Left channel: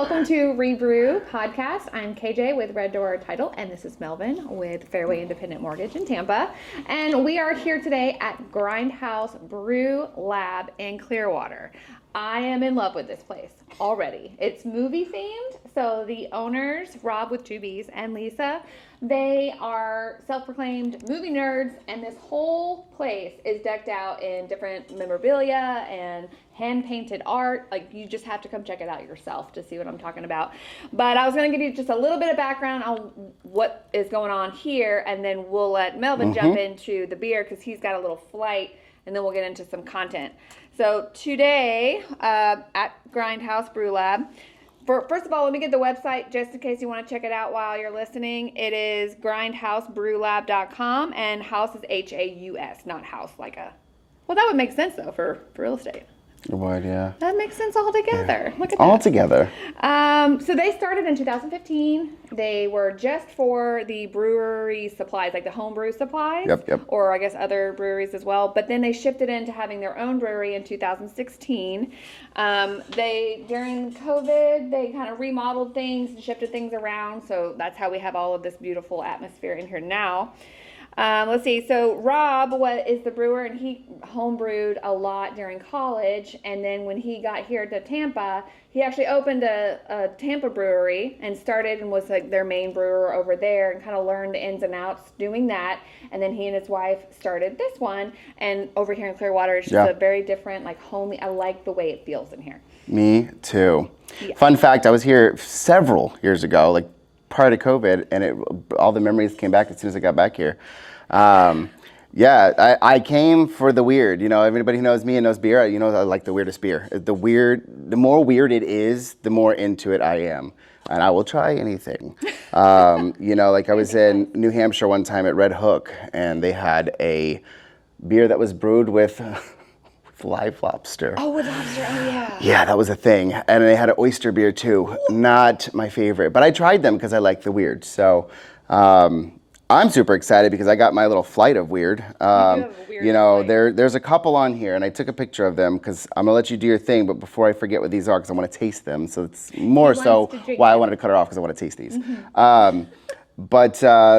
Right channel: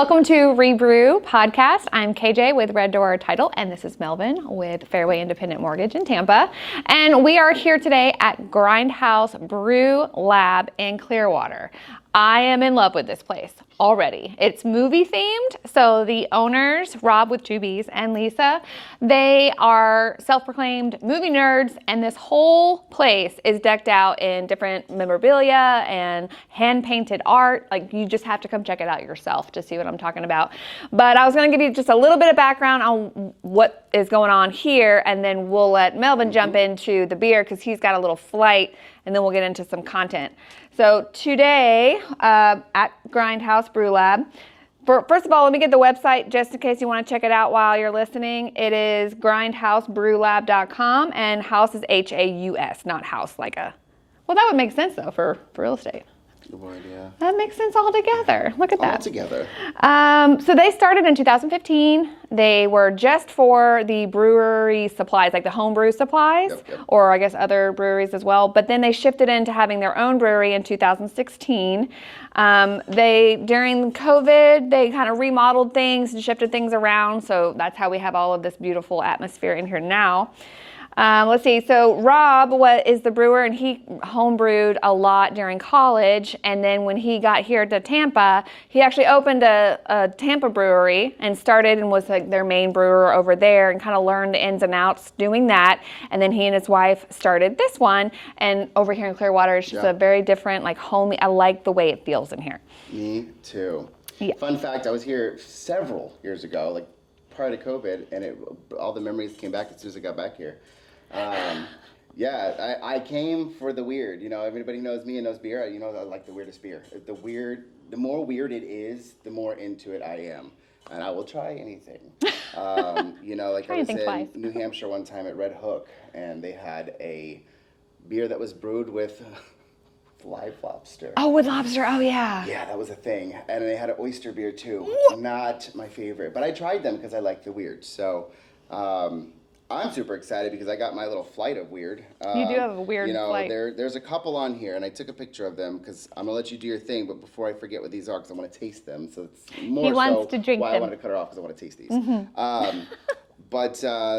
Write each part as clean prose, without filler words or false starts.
welcome to Re-Brew podcast. I'm KJ with Red Door Title, and this is Melvin with Fairway Independent Mortgage in Tampa. And we are here today at Grindhouse Brew Lab in Clearwater. I am in love with this place already. It's movie themed, so the owners, Rob with 2Bs and Lisa, they are self-proclaimed movie nerds, and this whole place is decked out in different memorabilia and hand-painted art. Like, you just have to come check it out yourself to see what I'm talking about. But I was gonna give you just a little bit of background on what is going on here, and then we'll let Melvin jump into the beer because he's got a little flight, and then we'll get into some content. So today at Grindhouse Brew Lab, first of all, let me get the website just in case you want to check it out while you're listening. It is grindhousebrewlab.com, and house is H-A-U-S, not house like a, well, that would make sense though for real estate. It would, yeah. That makes sense all together. Yeah. Look at that. All together. So they started in 2015. They were just for the brewery supplies, like the home brew supplies, or I guess other breweries as well. But then they shifted into having their own brewery in 2016. During COVID, they kind of remodeled things and shifted things around. So that's how we have all of this beautiful atmosphere in here now. Let's see, so Rob is the brewer, and he homebrewed a lot during college, and then when he got here to Tampa, he actually opened a Tampa brewery and started and was like their main brewer over there and kind of learned the ins and outs doing that, and then he and his wife started this one, and over here in Clearwater, it's just a very different, like, homey. I like the way it feels in here. Me too. Yeah. Fun fact, I was here several years ago, like prior to COVID, and all the memories came back as soon as I got back here. I came for the weird. You know, everybody who knows me and knows beer, you know, I like the weirdest beer. The more weird it is, the more into it I am. And I will try anything. You know, like I was in New Hampshire one time at Red Hook, and they had a beer that was brewed with live lobster. Oh, with lobster, oh yeah. Yeah, that was a thing. And they had an oyster beer too. Not my favorite, but I tried them because I like the weird. So, I'm super excited because I got my little flight of weird. You do have a weird flight. There's a couple on here, and I took a picture of them because I'm gonna let you do your thing, but before I forget what these are, because I want to taste them. So it's more so why I wanted to cut it off, because I want to taste these.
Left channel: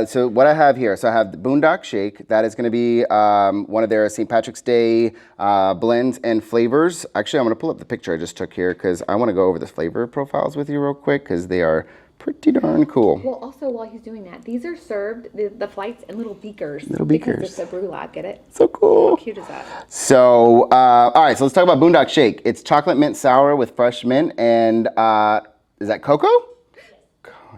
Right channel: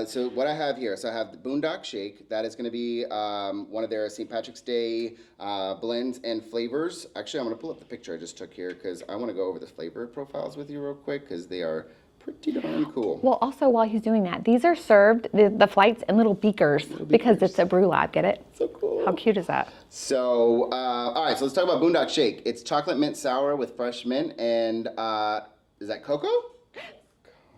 So what I have here, so I have the Boondock Shake. That is going to be one of their St. Patrick's Day blends and flavors. Actually, I'm going to pull up the picture I just took here because I want to go over the flavor profiles with you real quick because they are pretty darn cool. Well, also while he's doing that, these are served, the flights, in little beakers. Because it's a brew lab, get it? So cool. How cute is that? So, all right, so let's talk about Boondock Shake. It's chocolate mint sour with fresh mint and, is that cocoa?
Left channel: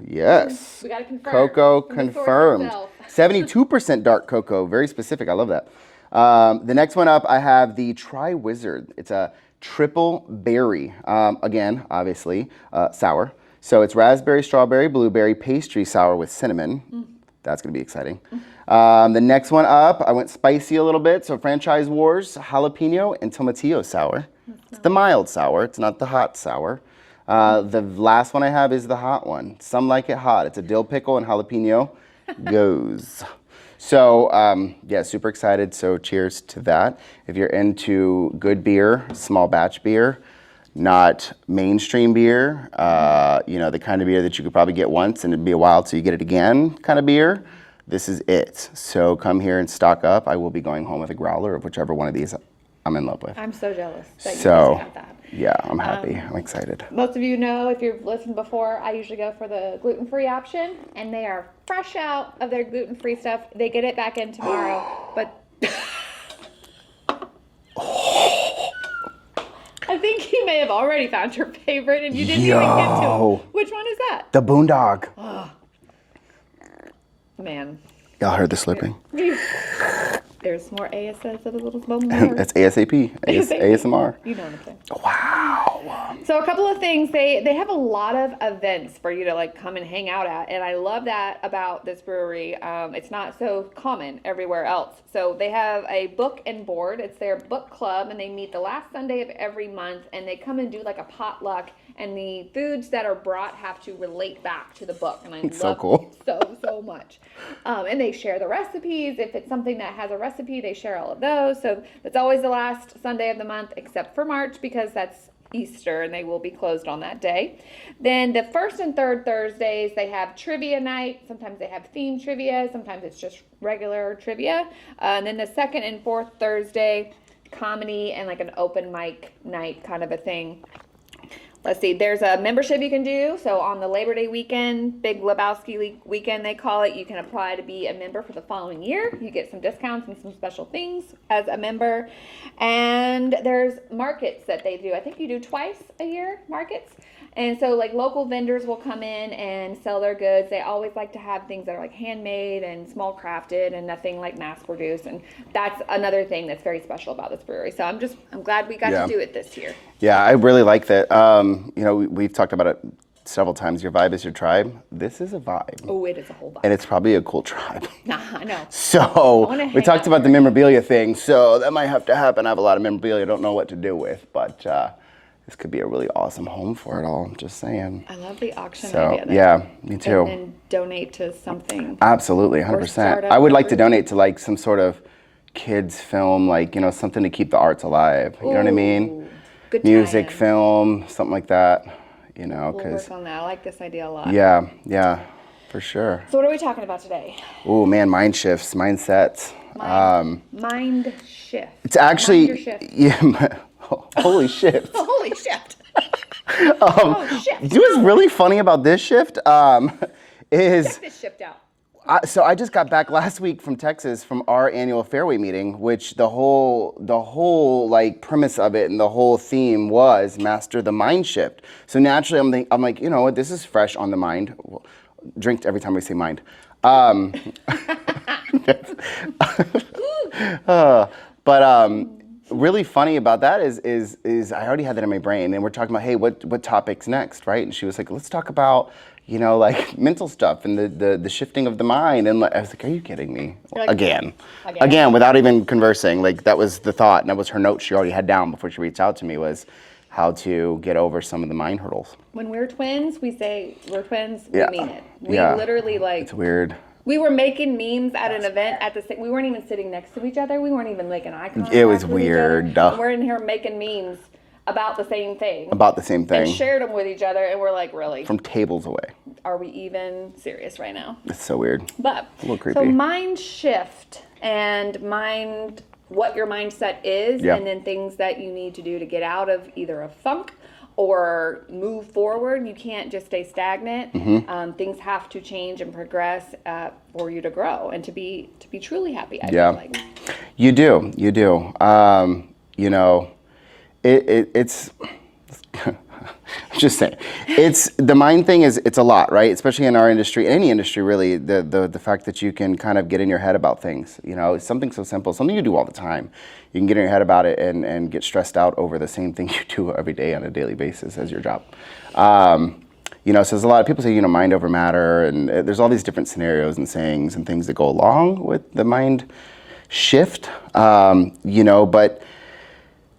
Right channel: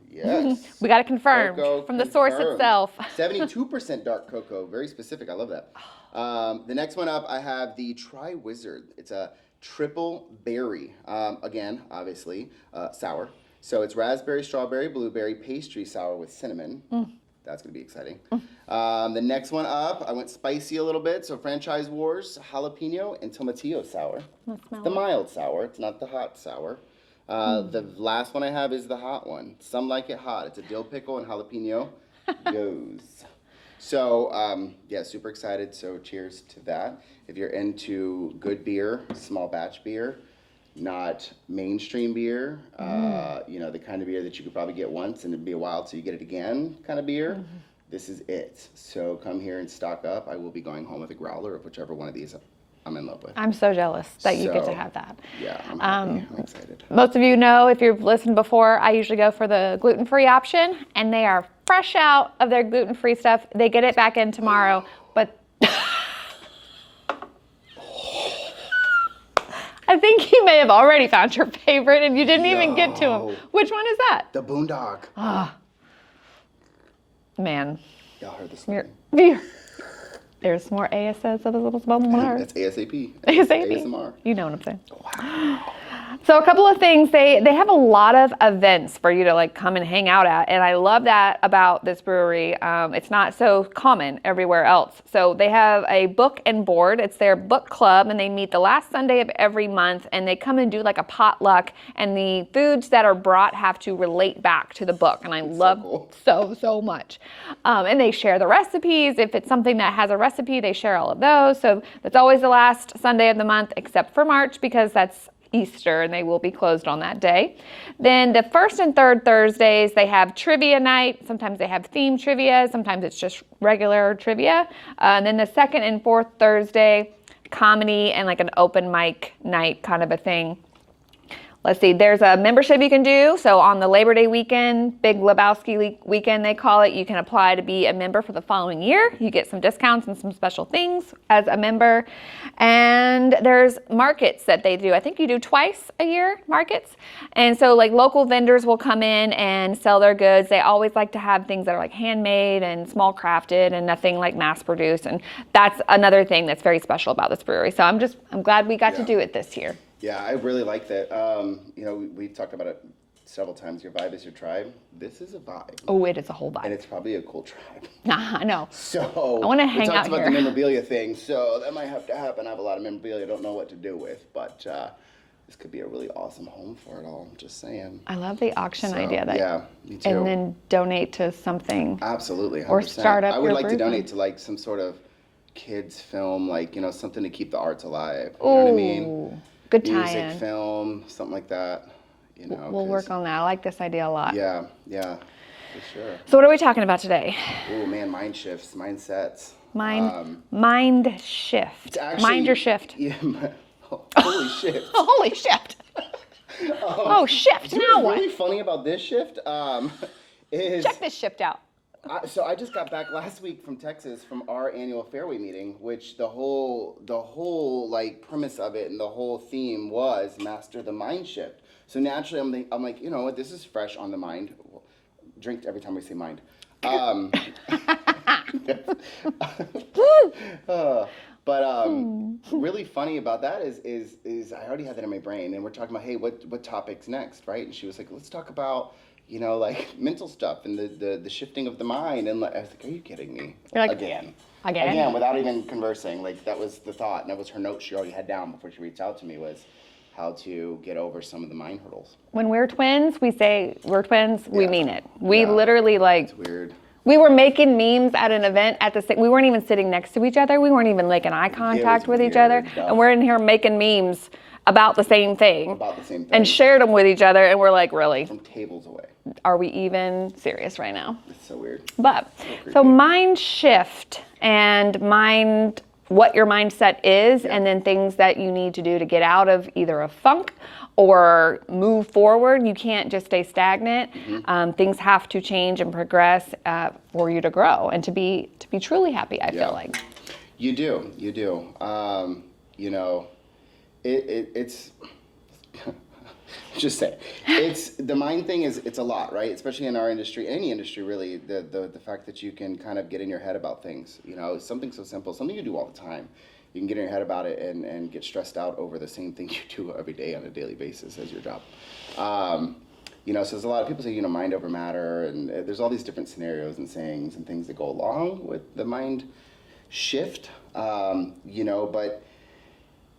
Yes. We got it confirmed. Cocoa from confirmed. The source itself. 72% dark cocoa, very specific, I love that. The next one up, I have the Tri-Wizard. It's a triple berry, again, obviously, sour. So it's raspberry, strawberry, blueberry, pastry sour with cinnamon. That's gonna be exciting. The next one up, I went spicy a little bit. So Franchise Wars, jalapeno and tomatillo sour. It's the mild sour, it's not the hot sour. The last one I have is the hot one. Some like it hot. It's a dill pickle and jalapeno goes. So yeah, super excited. So cheers to that. If you're into good beer, small batch beer, not mainstream beer, you know, the kind of beer that you could probably get once and it'd be a while till you get it again kind of beer, this is it. So come here and stock up. I will be going home with a growler of whichever one of these I'm in love with. I'm so jealous that you get to have that. Yeah, I'm happy. I'm excited. Most of you know, if you've listened before, I usually go for the gluten-free option, and they are fresh out of their gluten-free stuff. They get it back in tomorrow, but I think you may have already found your favorite and you didn't even get to them. Which one is that? The Boondog. Oh. Man. Y'all heard the slipping. There's more ASS of a little bubble more. That's ASAP. ASMR. You know what I'm saying. Wow. So a couple of things, they have a lot of events for you to like come and hang out at, and I love that about this brewery. It's not so common everywhere else. So they have a book and board. It's their book club, and they meet the last Sunday of every month, and they come and do like a potluck, and the foods that are brought have to relate back to the book, and I love so much. And they share the recipes. If it's something that has a recipe, they share all of those. So that's always the last Sunday of the month, except for March, because that's Easter, and they will be closed on that day. Then the first and third Thursdays, they have trivia night. Sometimes they have themed trivia. Sometimes it's just regular trivia. And then the second and fourth Thursday, comedy and like an open mic night kind of a thing. Let's see, there's a membership you can do. So on the Labor Day weekend, Big Lebowski weekend, they call it, you can apply to be a member for the following year. You get some discounts and some special things as a member. And there's markets that they do. I think you do twice a year, markets. And so like local vendors will come in and sell their goods. They always like to have things that are like handmade and small crafted and nothing like mass produced. And that's another thing that's very special about this brewery. So I'm glad we got to do it this year. Yeah, I really like that. You know, we've talked about it several times. Your vibe is your tribe. This is a vibe. Oh, it is a whole vibe. And it's probably a cool tribe. I know. So we talked about the memorabilia thing. So that might have to happen. I have a lot of memorabilia I don't know what to do with, but this could be a really awesome home for it all. I'm just saying. I love the auction idea. Yeah, me too. And then donate to something. Absolutely, 100%. I would like to donate to like some sort of kids film, like, you know, something to keep the arts alive. You know what I mean? Good music, film, something like that, you know. We'll work on that. I like this idea a lot. Yeah, for sure. So what are we talking about today? Oh man, mind shifts, mindsets. Mind shift. It's actually mind your shift. Yeah. Holy shift. Holy shift. Oh, shift. You know what's really funny about this shift is check this shift out. So I just got back last week from Texas from our annual Fairway meeting, which the whole like premise of it and the whole theme was master the mind shift. So naturally I'm like, you know what, this is fresh on the mind. Drink every time we say mind. Really funny about that is I already had that in my brain, and we're talking about, hey, what topics next, right? And she was like, let's talk about, you know, like mental stuff and the shifting of the mind. And I was like, are you kidding me? Like, Again, without even conversing. Like that was the thought, and that was her note she already had down before she reached out to me, was how to get over some of the mind hurdles. When we're twins, we say we're twins, we mean it. We literally like... It's weird. We were making memes at an event we weren't even sitting next to each other. We weren't even making eye contact with each other. And we're in here making memes about the same thing. And shared them with each other, and we're like, really? From tables away. Are we even serious right now? It's so weird. But, it's a little creepy. So mind shift and what your mindset is, and then things that you need to do to get out of either a funk or move forward. You can't just stay stagnant. Mm-hmm. Things have to change and progress for you to grow and to be truly happy, I feel like. You do. You know, it's just saying, it's the mind thing it's a lot, right? Especially in our industry, any industry really, the fact that you can kind of get in your head about things, you know, it's something so simple, something you do all the time. You can get in your head about it and get stressed out over the same thing you do every day on a daily basis as your job. You know, so there's a lot of people say, you know, mind over matter, and there's all these different scenarios and sayings and things that go along with the mind shift, you know, but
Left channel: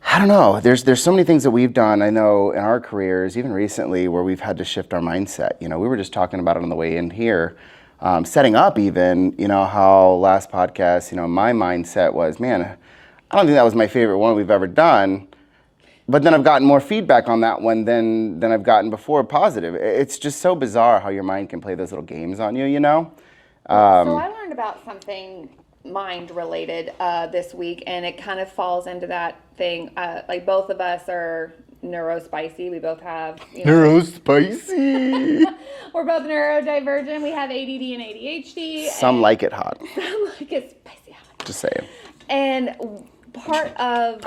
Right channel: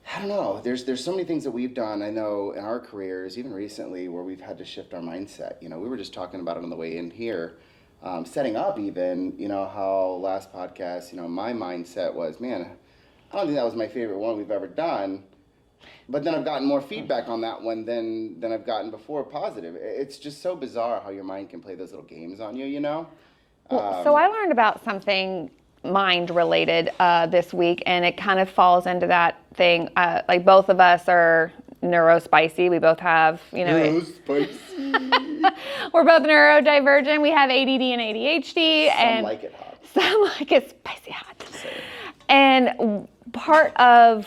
I don't know, there's so many things that we've done, I know, in our careers, even recently, where we've had to shift our mindset. You know, we were just talking about it on the way in here, setting up even, you know, how last podcast, you know, my mindset was, man, I don't think that was my favorite one we've ever done, but then I've gotten more feedback on that one than I've gotten before, positive. It's just so bizarre how your mind can play those little games on you, you know? So I learned about something mind related this week, and it kind of falls into that thing. Like both of us are neurospicy. We both have, you know. Neurospicy. We're both neurodivergent. We have ADD and ADHD. Some like it hot. Some like it spicy hot. Just saying. And part of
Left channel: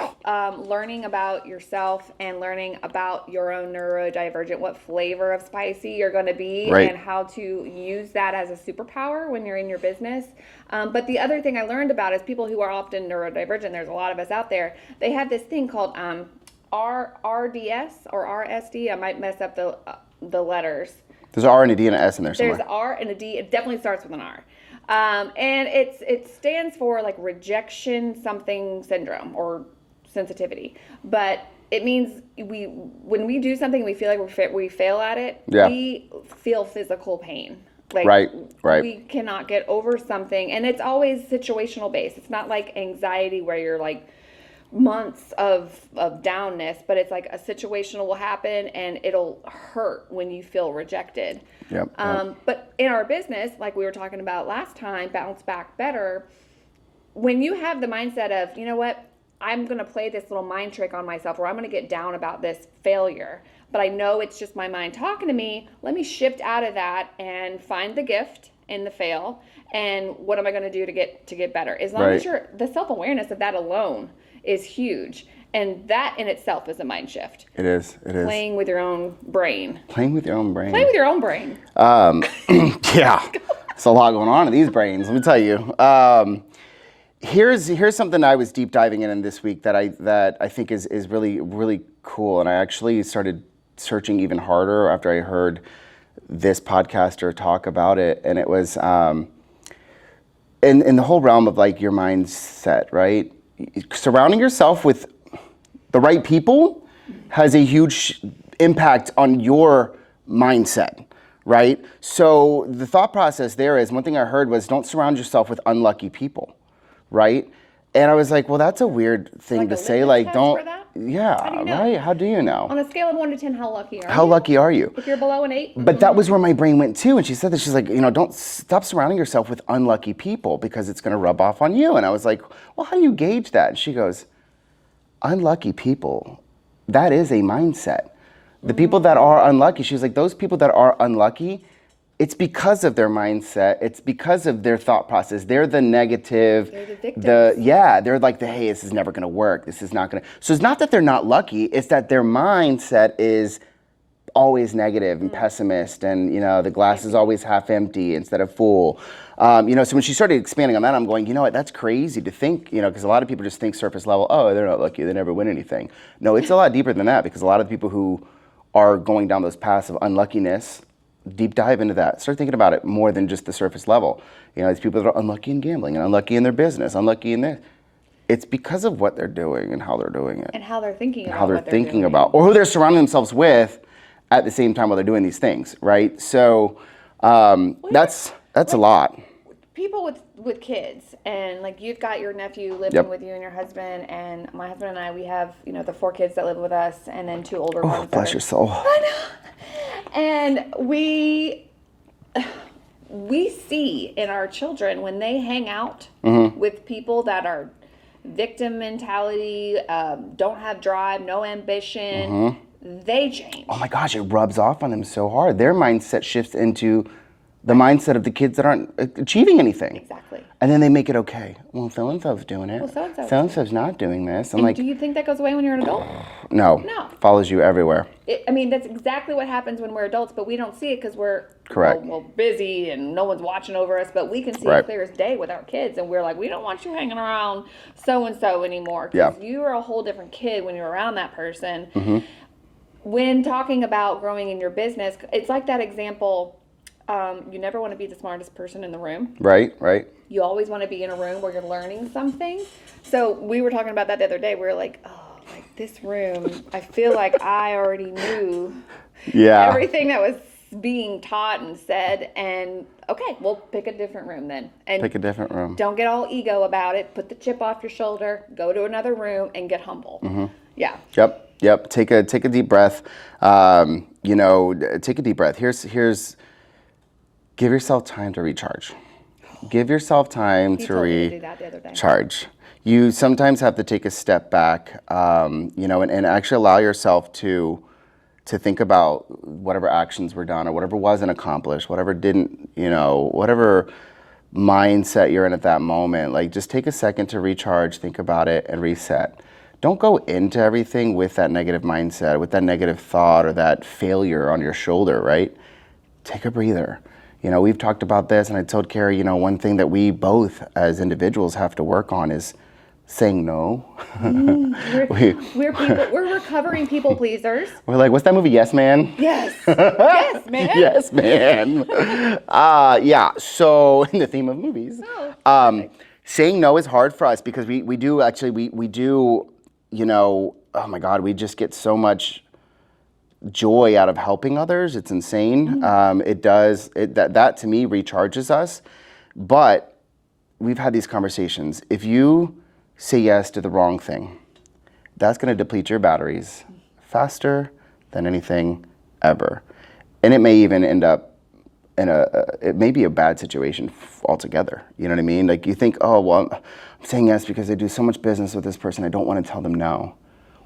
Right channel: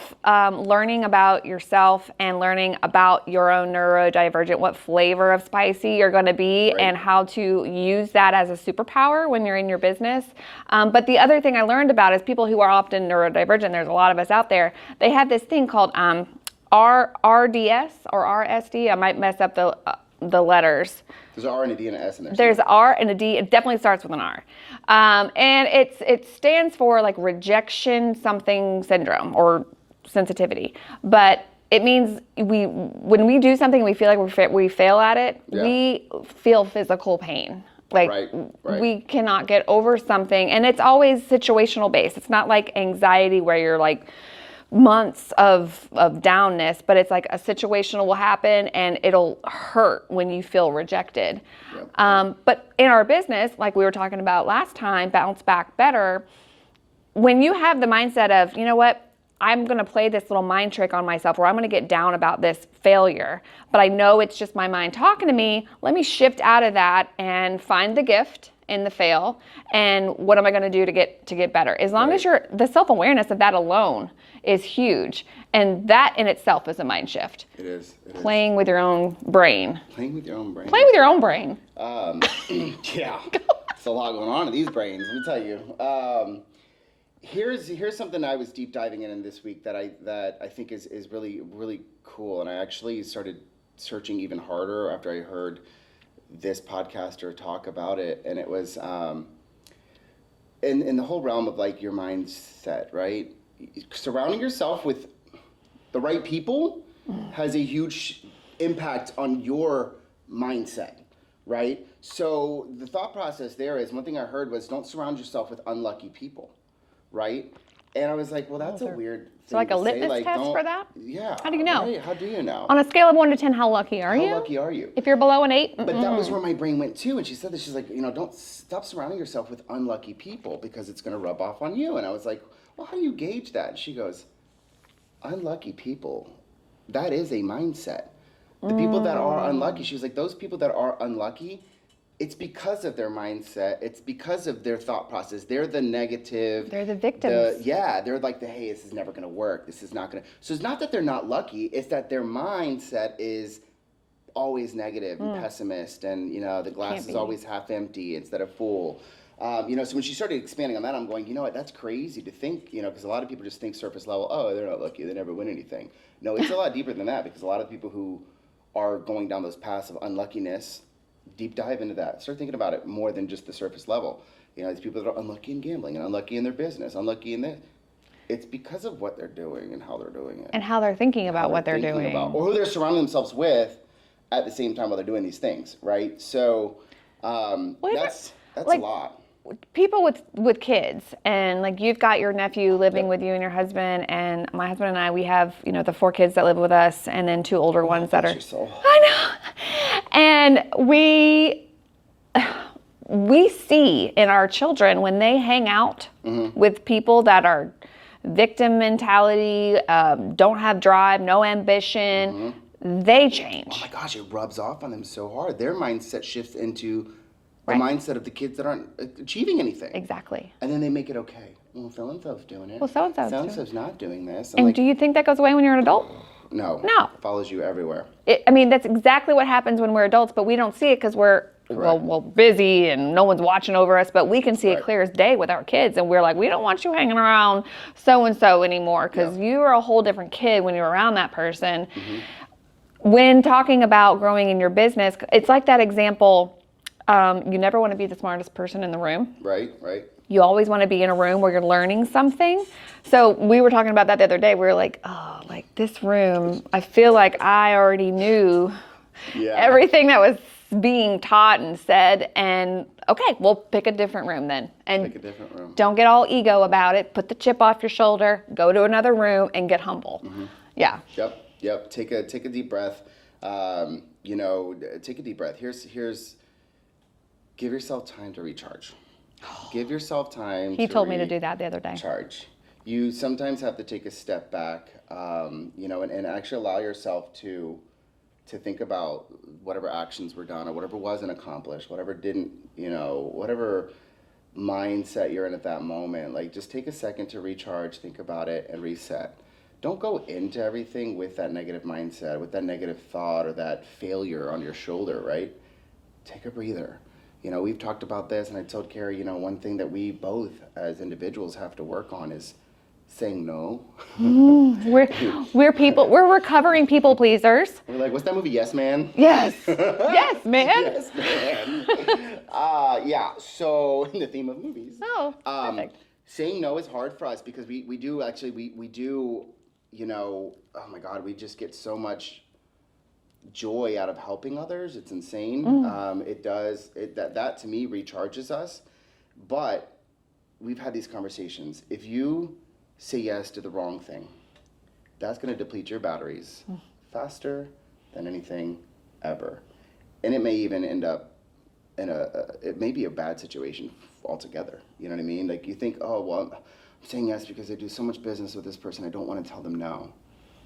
learning about yourself and learning about your own neurodivergent, what flavor of spicy you're going to be, and how to use that as a superpower when you're in your business. But the other thing I learned about is people who are often neurodivergent, there's a lot of us out there, they have this thing called RDS or RSD. I might mess up the letters. There's an R and a D and an S in there somewhere. There's an R and a D. It definitely starts with an R. And it stands for like rejection something syndrome or sensitivity. But it means when we do something, we feel like we fail at it, we feel physical pain. Like right. We cannot get over something, and it's always situational based. It's not like anxiety where you're like months of downness, but it's like a situation will happen and it'll hurt when you feel rejected. Yep. But in our business, like we were talking about last time, bounce back better, when you have the mindset of, you know what, I'm going to play this little mind trick on myself where I'm going to get down about this failure, but I know it's just my mind talking to me. Let me shift out of that and find the gift in the fail, and what am I going to do to get better? As long as the self-awareness of that alone is huge, and that in itself is a mind shift. It is. Playing with your own brain. Playing with your own brain. Play with your own brain. Yeah, there's a lot going on in these brains. Let me tell you. Here's something I was deep diving in this week that I think is really, really cool, and I actually started searching even harder after I heard this podcaster talk about it, and it was in the whole realm of like your mindset, right? Surrounding yourself with the right people has a huge impact on your mindset, right? So the thought process there is, one thing I heard was, don't surround yourself with unlucky people, right? And I was like, well, that's a weird thing to say. Like, don't. Yeah. How do you know? Right? How do you know? On a scale of 1 to 10, how lucky are you? How lucky are you? If you're below an 8. But that was where my brain went too. And she said that, she's like, don't stop surrounding yourself with unlucky people because it's going to rub off on you. And I was like, well, how do you gauge that? And she goes, unlucky people, that is a mindset. The people that are unlucky, she was like, those people that are unlucky, it's because of their mindset. It's because of their thought process. They're the negative. They're the victims. They're like hey, this is never gonna work. This is not gonna. So it's not that they're not lucky. It's that their mindset is always negative and pessimist, and the glass is always half empty instead of full. So when she started expanding on that, I'm going, what? That's crazy to think, because a lot of people just think surface level. Oh, they're not lucky. They never win anything. No, it's a lot deeper than that, because a lot of people who are going down those paths of unluckiness, deep dive into that. Start thinking about it more than just the surface level. These people that are unlucky in gambling and unlucky in their business, unlucky in this. It's because of what they're doing and how they're doing it. And how they're thinking about what they're doing. Or who they're surrounding themselves with at the same time while they're doing these things, right? So that's a lot. People with kids, and like you've got your nephew living with you and your husband, and my husband and I, we have the 4 kids that live with us, and then 2 older ones that are. Bless your soul. I know. And we see in our children when they hang out with people that are victim mentality, don't have drive, no ambition, they change. Oh my gosh, it rubs off on them so hard. Their mindset shifts into the mindset of the kids that aren't achieving anything. Exactly. And then they make it okay. Well, so-and-so's doing it. Well, so-and-so's not doing this. And do you think that goes away when you're an adult? No. Follows you everywhere. That's exactly what happens when we're adults, but we don't see it because we're busy and no one's watching over us, but we can see it clear as day with our kids, and we're like, we don't want you hanging around so-and-so anymore, because you are a whole different kid when you're around that person. When talking about growing in your business, it's like that example. You never want to be the smartest person in the room. Right. You always want to be in a room where you're learning something. So we were talking about that the other day. We were like, oh, like this room, I feel like I already knew everything that was being taught and said. And okay, we'll pick a different room then. And pick a different room. Don't get all ego about it. Put the chip off your shoulder. Go to another room and get humble. Yeah. Yep. Take a deep breath. Take a deep breath. Here's. Give yourself time to recharge. Give yourself time to recharge. He told me to do that the other day. You sometimes have to take a step back, and actually allow yourself to think about whatever actions were done or whatever wasn't accomplished, whatever didn't, whatever mindset you're in at that moment. Like, just take a second to recharge, think about it, and reset. Don't go into everything with that negative mindset, with that negative thought or that failure on your shoulder, right? Take a breather. We've talked about this, and I told Carrie, one thing that we both as individuals have to work on is saying no. We're recovering people pleasers. We're like, what's that movie, Yes Man? Yes. Yes, man. Yes, man. So in the theme of movies, saying no is hard for us because we do, oh my God, we just get so much joy out of helping others. It's insane. That to me recharges us. But we've had these conversations. If you say yes to the wrong thing, that's going to deplete your batteries faster than anything ever. And it may even end up it may be a bad situation altogether. You know what I mean? Like you think, oh, well, I'm saying yes because I do so much business with this person. I don't want to tell them no.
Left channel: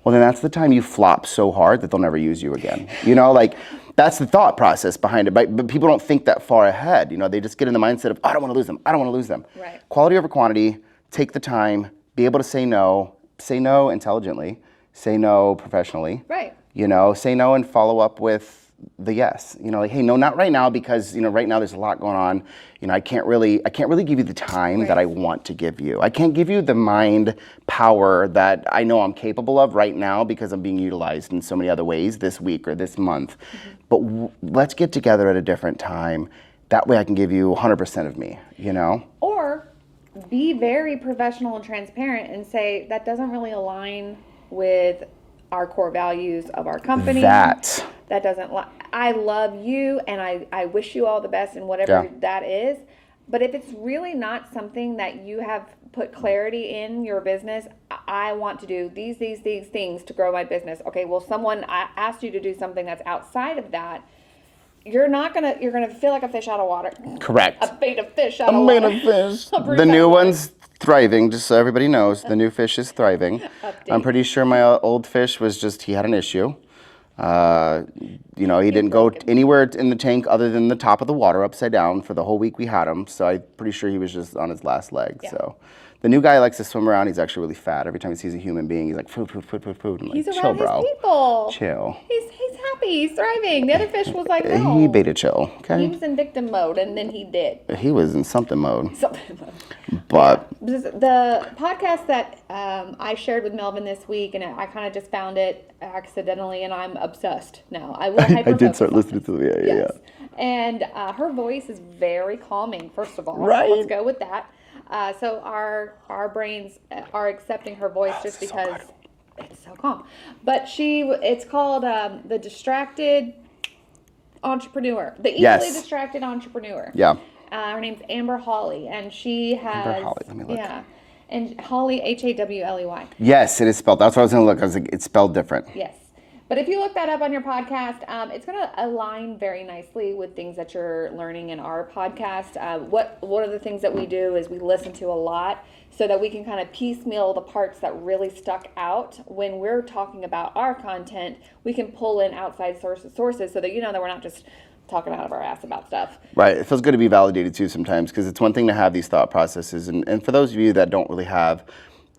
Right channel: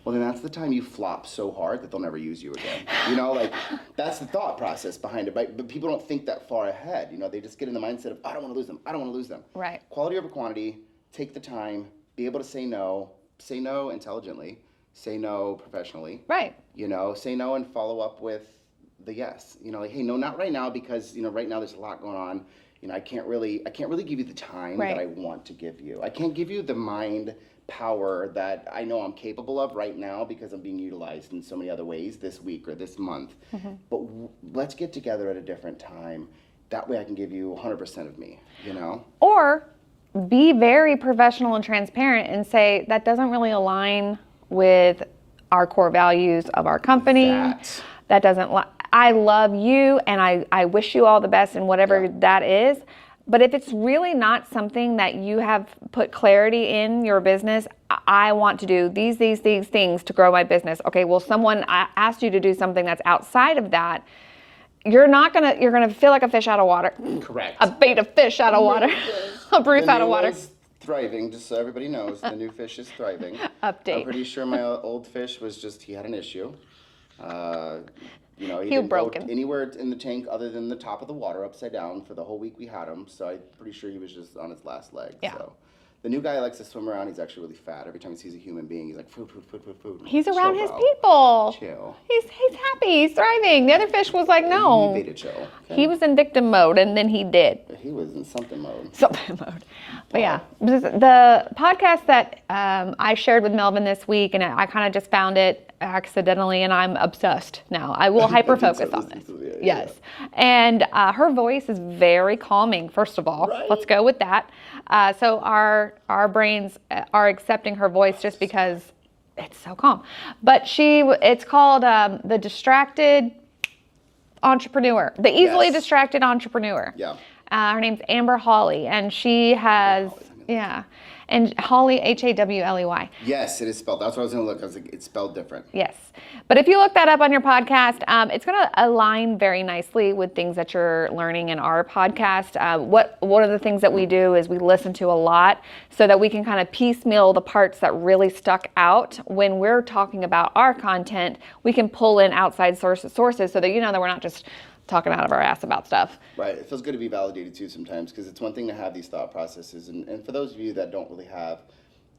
Well, then that's the time you flop so hard that they'll never use you again. You know, like that's the thought process behind it. But people don't think that far ahead. You know, they just get in the mindset of, I don't want to lose them. I don't want to lose them. Right. Quality over quantity, take the time, be able to say no intelligently, say no professionally. Right. You know, say no and follow up with the yes. You know, like, hey, no, not right now because, you know, right now there's a lot going on. You know, I can't really give you the time that I want to give you. I can't give you the mind power that I know I'm capable of right now because I'm being utilized in so many other ways this week or this month. But let's get together at a different time. That way I can give you 100% of me, you know? Or be very professional and transparent and say that doesn't really align with our core values of our company. That doesn't. I love you, and I wish you all the best in whatever that is. But if it's really not something that you have put clarity in your business, I want to do these things to grow my business. Okay, well, someone asked you to do something that's outside of that. You're gonna feel like a fish out of water. Correct. A bait of fish out of water. The new one's thriving, just so everybody knows. The new fish is thriving. Update. I'm pretty sure my old fish he had an issue. You know, he didn't go anywhere in the tank other than the top of the water upside down for the whole week we had him. So I'm pretty sure he was just on his last leg. Yeah. So the new guy likes to swim around. He's actually really fat. Every time he sees a human being, he's like, food. He's like, around his people. Chill. He's happy. He's thriving. The other fish was like, no. He beta chill. Okay. He was in victim mode, and then he did. He was in something mode. But the podcast that I shared with Melvin this week, and I kind of just found it accidentally, and I'm obsessed now. I will hyper focus. I did start listening to it. Yes. And her voice is very calming. First of all, let's go with that. So our brains are accepting her voice just because it's so calm. But it's called the distracted entrepreneur, the easily distracted entrepreneur. Yeah. Her name's Amber Hawley, and she has and Hawley, Hawley. Yes, it is spelled. That's what I was going to look. I was like, it's spelled different. Yes. But if you look that up on your podcast, it's going to align very nicely with things that you're learning in our podcast. One of the things that we do is we listen to a lot so that we can kind of piecemeal the parts that really stuck out. When we're talking about our content, we can pull in outside sources so that you know that we're not just talking out of our ass about stuff. Right. It feels good to be validated too sometimes, because it's one thing to have these thought processes. And for those of you that don't really have,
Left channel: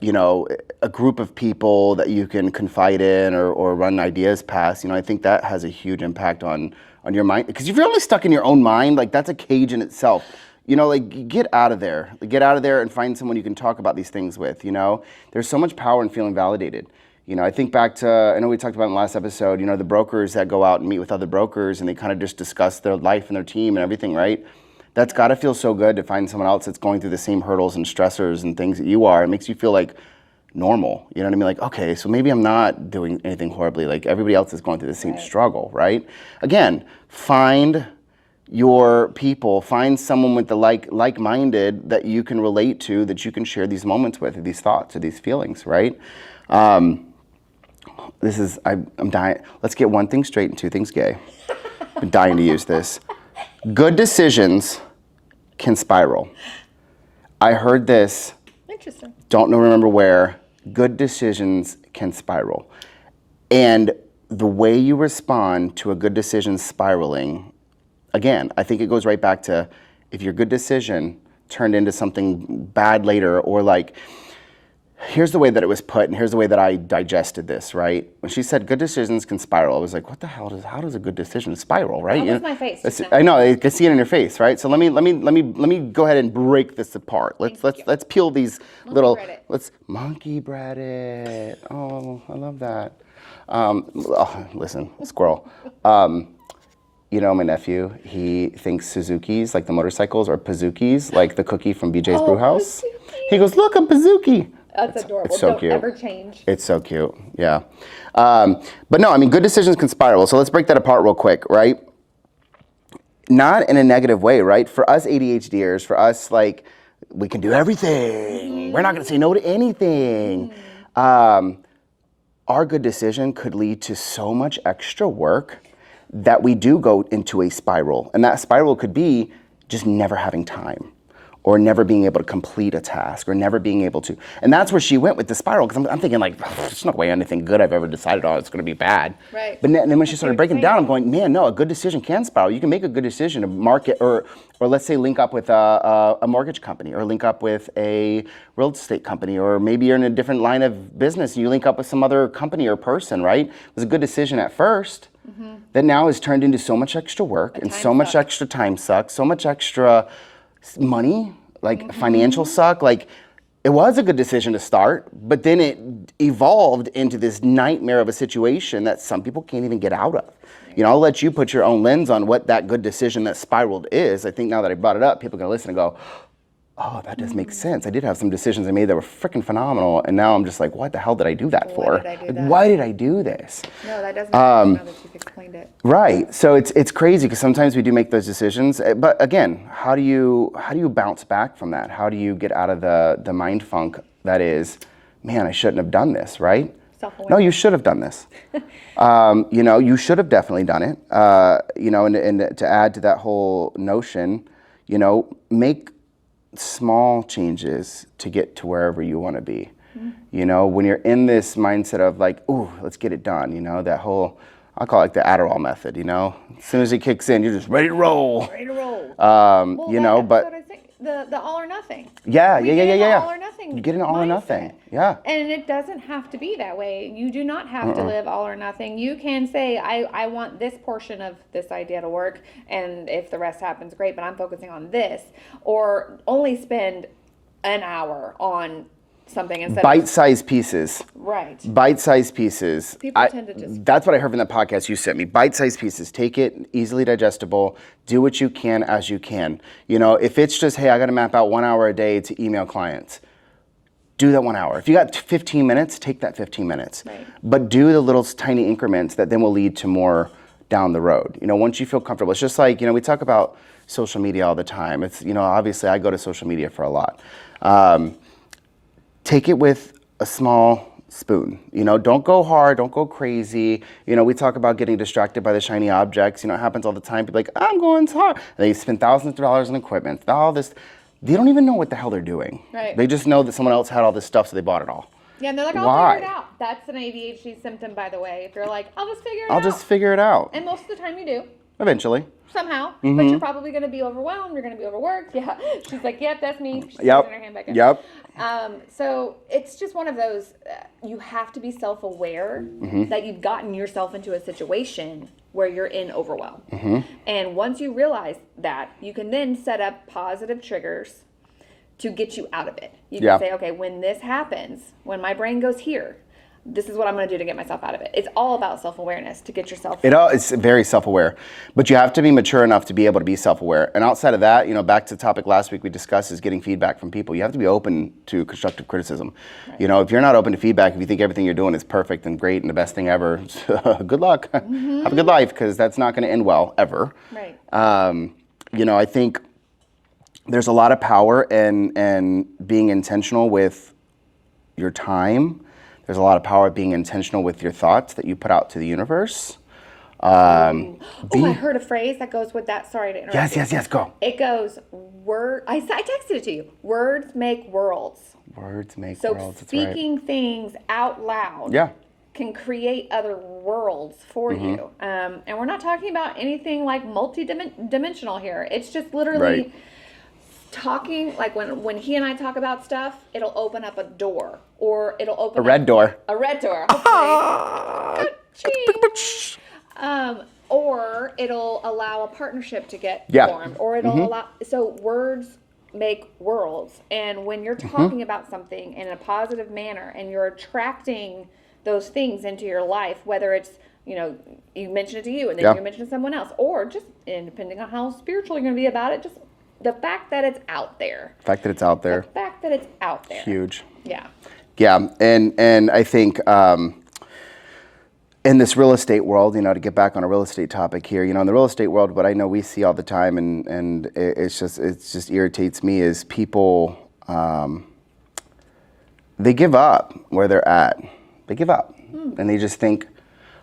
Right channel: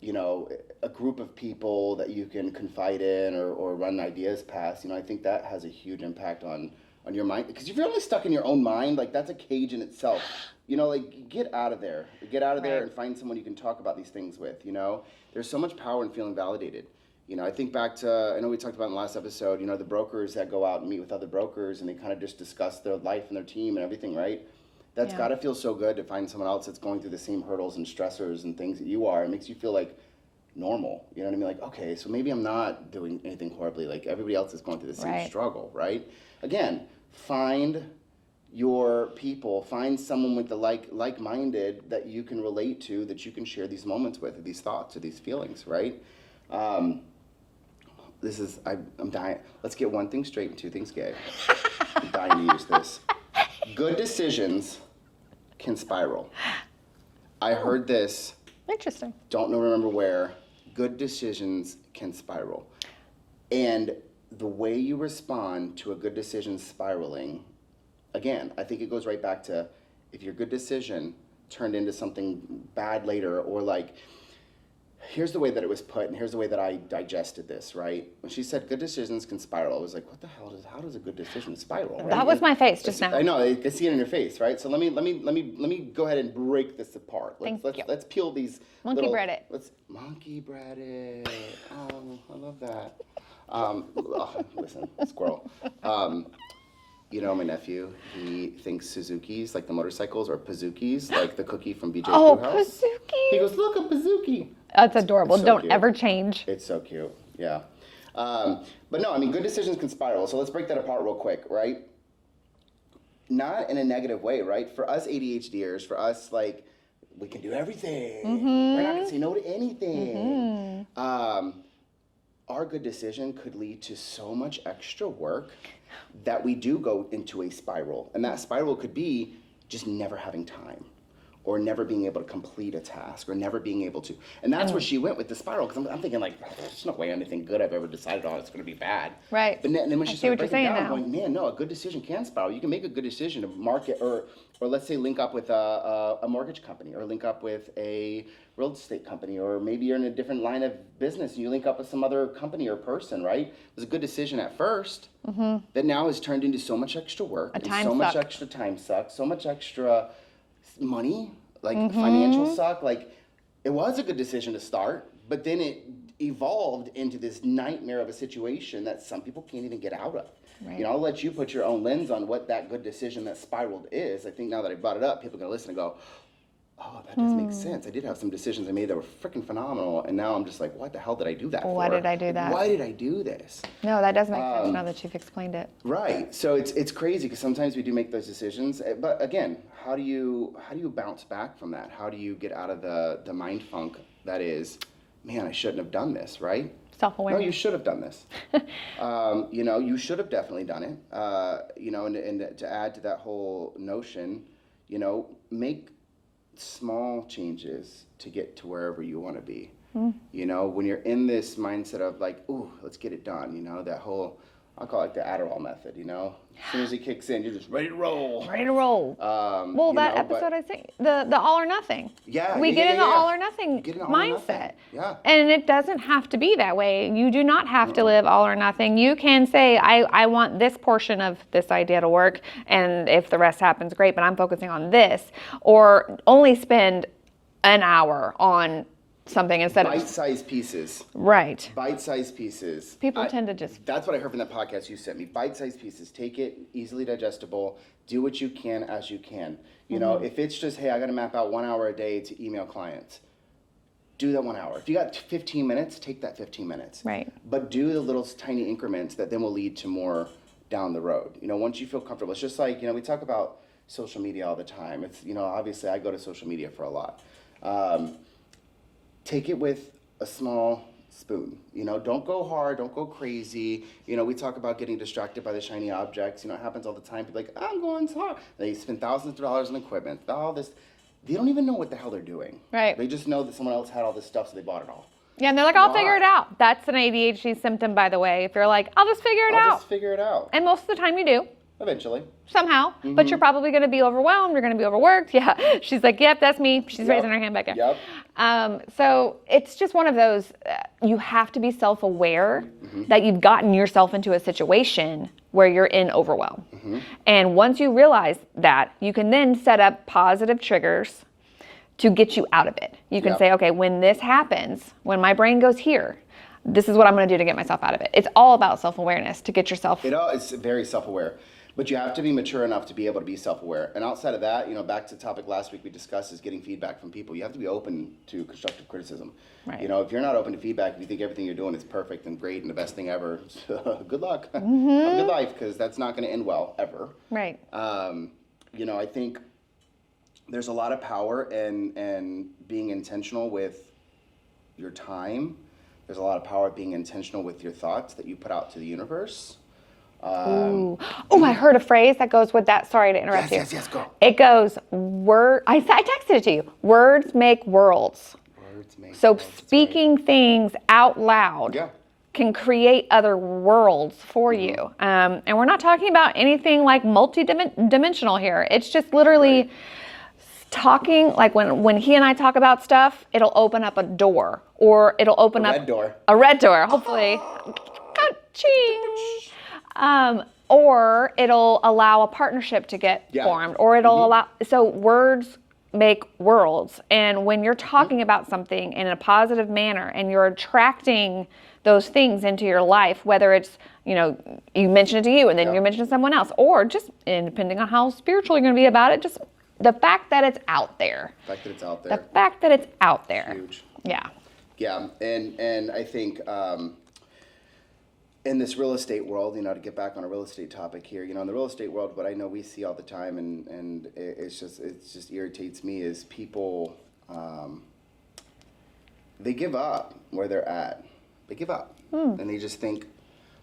you know, a group of people that you can confide in or run ideas past, you know, I think that has a huge impact on your mind. Because if you're only stuck in your own mind, like that's a cage in itself. You know, like get out of there. Get out of there and find someone you can talk about these things with, you know. There's so much power in feeling validated. You know, I think back to, I know we talked about in the last episode, you know, the brokers that go out and meet with other brokers and they kind of just discuss their life and their team and everything, right? That's got to feel so good to find someone else that's going through the same hurdles and stressors and things that you are. It makes you feel like normal. You know what I mean? Like, okay, so maybe I'm not doing anything horribly. Like everybody else is going through the same struggle, right? Again, find your people, find someone with the like-minded that you can relate to, that you can share these moments with, or these thoughts, or these feelings, right? I'm dying. Let's get one thing straight and two things gay. I'm dying to use this. Good decisions can spiral. I heard this. Interesting. Don't remember where. Good decisions can spiral. And the way you respond to a good decision spiraling, again, I think it goes right back to if your good decision turned into something bad later, or like, here's the way that it was put, and here's the way that I digested this, right? When she said good decisions can spiral, I was like, what the hell how does a good decision spiral, right? That was my face just now. I know, I can see it in your face, right? So let me go ahead and break this apart. Let's peel these let's monkey bread it. Oh, I love that. Listen, squirrel. You know, my nephew, he thinks Suzuki's, like the motorcycles, are Pazookies, like the cookie from BJ's Brewhouse. Pazookie. He goes, look, a Pazuki. That's adorable. So Don't cute. ever change. It's so cute, yeah. But no, I mean, good decisions can spiral. So let's break that apart real quick, right? Not in a negative way, right? For us ADHDers, for us, like, we can do everything. Mm-hmm. We're not going to say no to anything. our good decision could lead to so much extra work that we do go into a spiral. And that spiral could be just never having time, or never being able to complete a task, or never being able to. And that's where she went with the spiral, because I'm thinking like, there's no way anything good I've ever decided on, it's gonna be bad. Right. But then when she started breaking down, I'm going, man, no, a good decision can spiral. You can make a good decision to market, or let's say link up with a mortgage company, or link up with a real estate company, or maybe you're in a different line of business and you link up with some other company or person, right? It was a good decision at first, that now has turned into so much extra work and so much extra time suck, so much extra money, like financial suck. Like, it was a good decision to start, but then it evolved into this nightmare of a situation that some people can't even get out of. Right. You know, I'll let you put your own lens on what that good decision that spiraled is. I think now that I brought it up, people are gonna listen and go, oh, that does make sense. I did have some decisions I made that were freaking phenomenal, and now I'm just like, what the hell did I do that for? Why did I do that? Why did I do this? No, that doesn't make sense now that you've explained it. Right. So it's crazy, because sometimes we do make those decisions, but again, how do you bounce back from that? How do you get out of the mind funk that is, man, I shouldn't have done this, right? Self-awareness. No, you should have done this. You know, you should have definitely done it. You know, and to add to that whole notion, you know, make small changes to get to wherever you want to be. You know, when you're in this mindset of like, ooh, let's get it done, you know, that whole, I'll call it like the Adderall method, you know, as soon as it kicks in, you're just ready to roll. Ready to roll. Well, you know, but I think the all or nothing. Yeah, we get in the all or nothing. You get in all or nothing. Yeah. And it doesn't have to be that way. You do not have to live all or nothing. You can say, I want this portion of this idea to work, and if the rest happens, great, but I'm focusing on this. Or only spend an hour on something instead bite-sized pieces. Right. Bite-sized pieces. People tend to just... That's what I heard from the podcast you sent me. Bite-sized pieces. Take it, easily digestible. Do what you can as you can. You know, if it's just, hey, I got to map out 1 hour a day to email clients, do that 1 hour. If you got 15 minutes, take that 15 minutes. Right. But do the little tiny increments that then will lead to more down the road. You know, once you feel comfortable. It's just like, you know, we talk about social media all the time. It's, you know, obviously I go to social media for a lot. Take it with a small spoon. You know, don't go hard, don't go crazy. You know, we talk about getting distracted by the shiny objects. You know, it happens all the time. People are like, I'm going hard. They spend thousands of dollars on equipment, all this. They don't even know what the hell they're doing. Right. They just know that someone else had all this stuff, so they bought it all. Yeah, and they're like, I'll figure it out. That's an ADHD symptom, by the way. If you're like, I'll just figure it out. I'll just figure it out. And most of the time you do. Eventually. Somehow. But you're probably going to be overwhelmed. You're going to be overworked. Yeah. She's like, yep, that's me. She's raising her hand back in. Yep. So it's just one of those, you have to be self-aware that you've gotten yourself into a situation where you're in overwhelm. And once you realize that, you can then set up positive triggers to get you out of it. You can say, okay, when this happens, when my brain goes here, this is what I'm going to do to get myself out of it. It's all about self-awareness to get yourself. It's very self-aware, but you have to be mature enough to be able to be self-aware. And outside of that, you know, back to the topic last week we discussed is getting feedback from people. You have to be open to constructive criticism. Right. You know, if you're not open to feedback, if you think everything you're doing is perfect and great and the best thing ever, good luck. Have a good life, because that's not going to end well ever. Right. You know, I think there's a lot of power in being intentional with your time. There's a lot of power being intentional with your thoughts that you put out to the universe. I heard a phrase that goes with that. Sorry to interrupt you. Yes, go. It goes, I texted it to you. Words make worlds. Words make so worlds. So speaking things out loud can create other worlds for you. And we're not talking about anything like multi-dimensional here. It's just literally... talking, like when he and I talk about stuff, it'll open up a door, or it'll open a red door, hopefully. Or it'll allow a partnership to get formed, or it'll allow, so words make worlds. And when you're talking about something in a positive manner and you're attracting those things into your life, whether it's, you know, you mention it to you and then you mention it to someone else, or just, and depending on how spiritual you're going to be about it, just the fact that it's out there. The fact that it's out there. The fact that it's out there. Huge. Yeah. Yeah, and I think in this real estate world, you know, to get back on a real estate topic here, you know, in the real estate world, what I know we see all the time, and it just irritates me, is people, they give up where they're at. They give up. And they just think,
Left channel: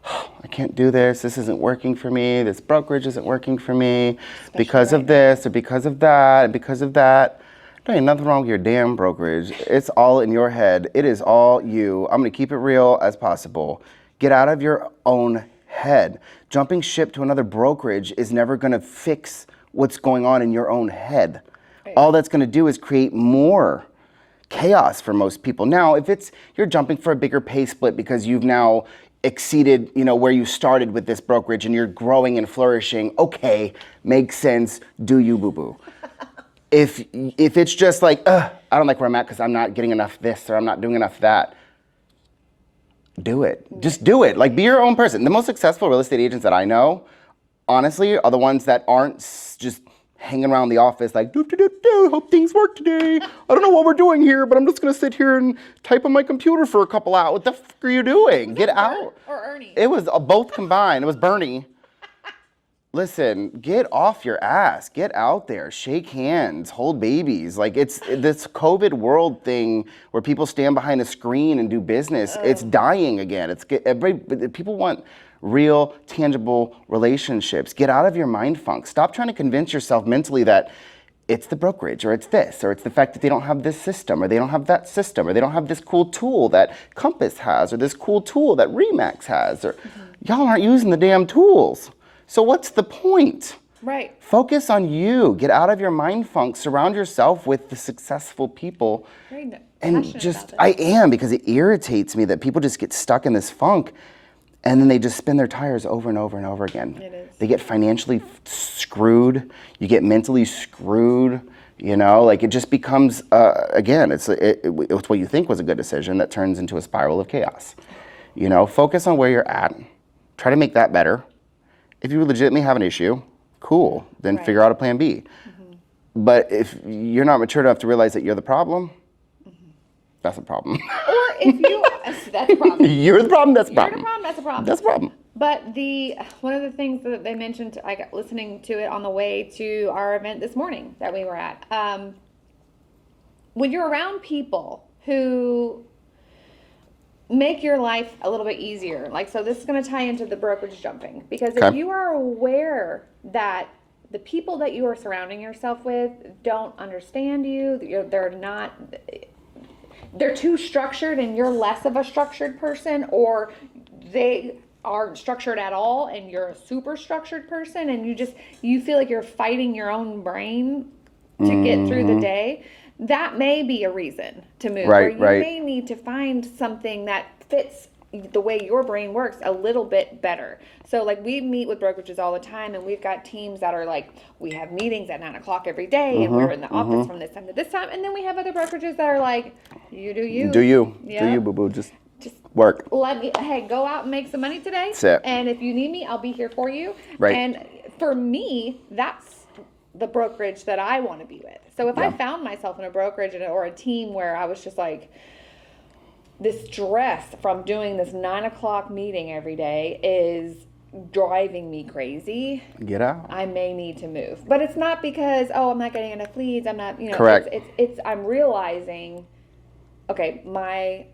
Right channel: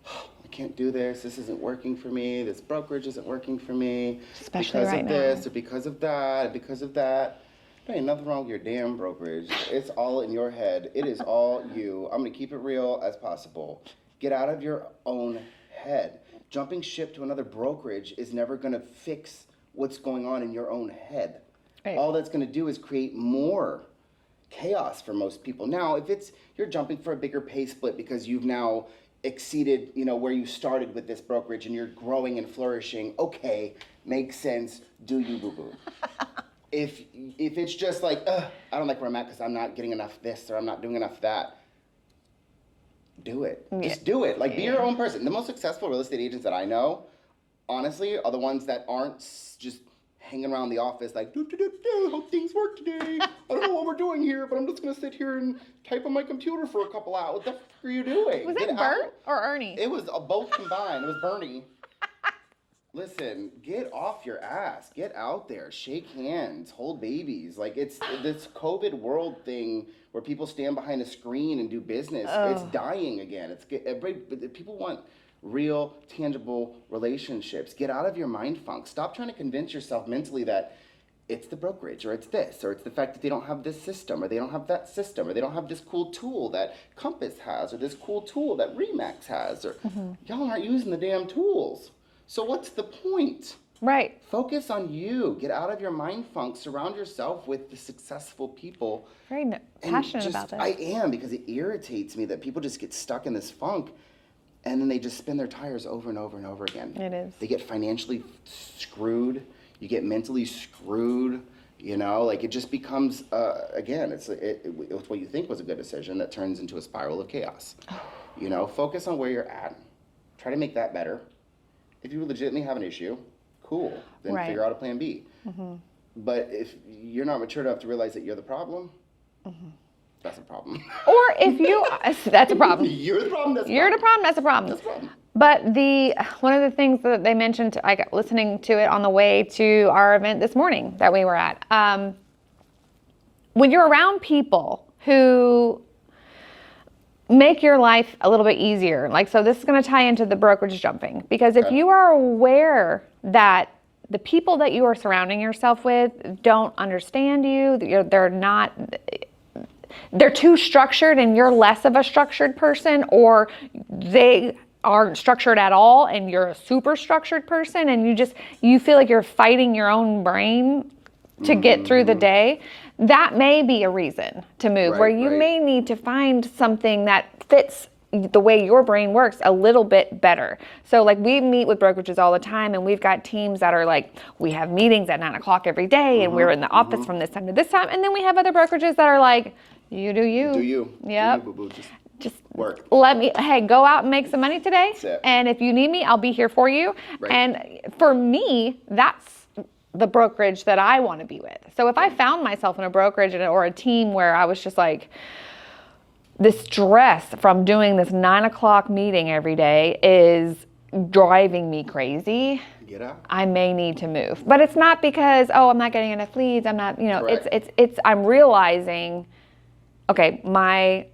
oh, I can't do this. This isn't working for me. This brokerage isn't working for me. Especially because right of this now. or because of that and because of that. There ain't nothing wrong with your damn brokerage. It's all in your head. It is all you. I'm going to keep it real as possible. Get out of your own head. Jumping ship to another brokerage is never going to fix what's going on in your own head. Right. All that's going to do is create more chaos for most people. Now, if you're jumping for a bigger pay split because you've now exceeded, where you started with this brokerage and you're growing and flourishing, okay, makes sense. Do you, boo-boo. If it's just like, I don't like where I'm at because I'm not getting enough this or I'm not doing enough that, do it. Just do it. Like, be your own person. The most successful real estate agents that I know, honestly, are the ones that aren't just hanging around the office like, hope things work today. I don't know what we're doing here, but I'm just going to sit here and type on my computer for a couple hours. What the f are you doing? Get out. Bert or Ernie? It was both combined. It was Bernie. Listen, get off your ass. Get out there. Shake hands. Hold babies. Like, it's this COVID world thing where people stand behind a screen and do business. It's dying again. People want real, tangible relationships. Get out of your mind funk. Stop trying to convince yourself mentally that it's the brokerage, or it's this, or it's the fact that they don't have this system, or they don't have that system, or they don't have this cool tool that Compass has, or this cool tool that Remax has, or y'all aren't using the damn tools. So what's the point? Right. Focus on you. Get out of your mind funk. Surround yourself with the successful people. Very And passionate just, about this. I am, because it irritates me that people just get stuck in this funk and then they just spin their tires over and over and over again. It is. They get financially screwed. You get mentally screwed. Like, it just becomes, again, it's what you think was a good decision that turns into a spiral of chaos. Focus on where you're at. Try to make that better. If you legitimately have an issue, cool, then Right. figure out a plan B. But if you're not mature enough to realize that you're the problem, that's a problem. Or if you, that's a problem. You're the problem, that's a You're problem. the problem, that's a problem. That's a problem. But one of the things that they mentioned, I got listening to it on the way to our event this morning that we were at. When you're around people who make your life a little bit easier, so this is going to tie into the brokerage jumping, because if you are aware that the people that you are surrounding yourself with don't understand you, they're too structured and you're less of a structured person, or they aren't structured at all and you're a super structured person, and you feel like you're fighting your own brain to get through the day, that may be a reason to move, where you may need to find something that fits the way your brain works a little bit better. So we meet with brokerages all the time, and we've got teams that are we have meetings at 9 o'clock every day, and we're in the office from this time to this time. And then we have other brokerages that are you do you. Do you. Yep. Do you, boo-boo. Just work. Hey, go out and make some money today. That's it. And if you need me, I'll be here for you. Right. And for me, that's the brokerage that I want to be with. So if I found myself in a brokerage or a team where I was just the stress from doing this 9 o'clock meeting every day is driving me crazy, get out. I may need to move. But it's not because, I'm not getting enough leads. I'm not, Correct. I'm realizing, okay,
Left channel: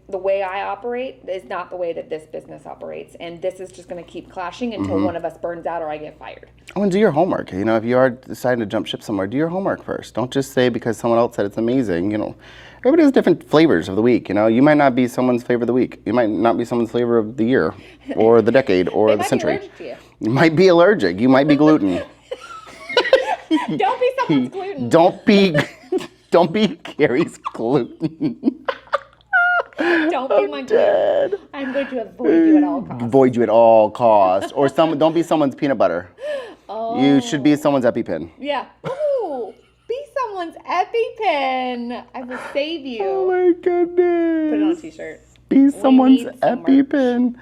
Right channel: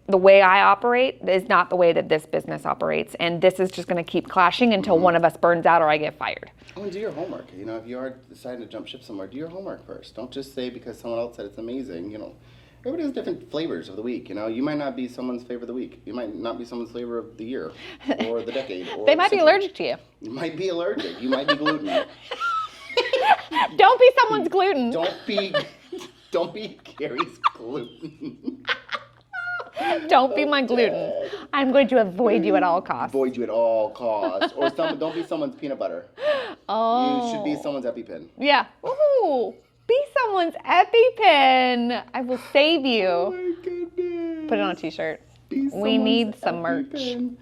the way I operate is not the way that this business operates. And this is just going to keep clashing until one of us burns out or I get fired. Oh, and do your homework. If you are deciding to jump ship somewhere, do your homework first. Don't just say because someone else said it's amazing. Everybody has different flavors of the week. You might not be someone's flavor of the week. You might not be someone's flavor of the year, or the decade, or the century. They might be allergic to you. You might be allergic. You might be gluten. Don't be someone's gluten. Don't be Carrie's gluten. Don't be my gluten. I'm going to avoid you at all costs. Avoid you at all costs. Or don't be someone's peanut butter. Oh. You should be someone's EpiPen. Yeah. Ooh. Be someone's EpiPen. I will save you. Oh my goodness. Put it on a t-shirt. Be someone's need some EpiPen.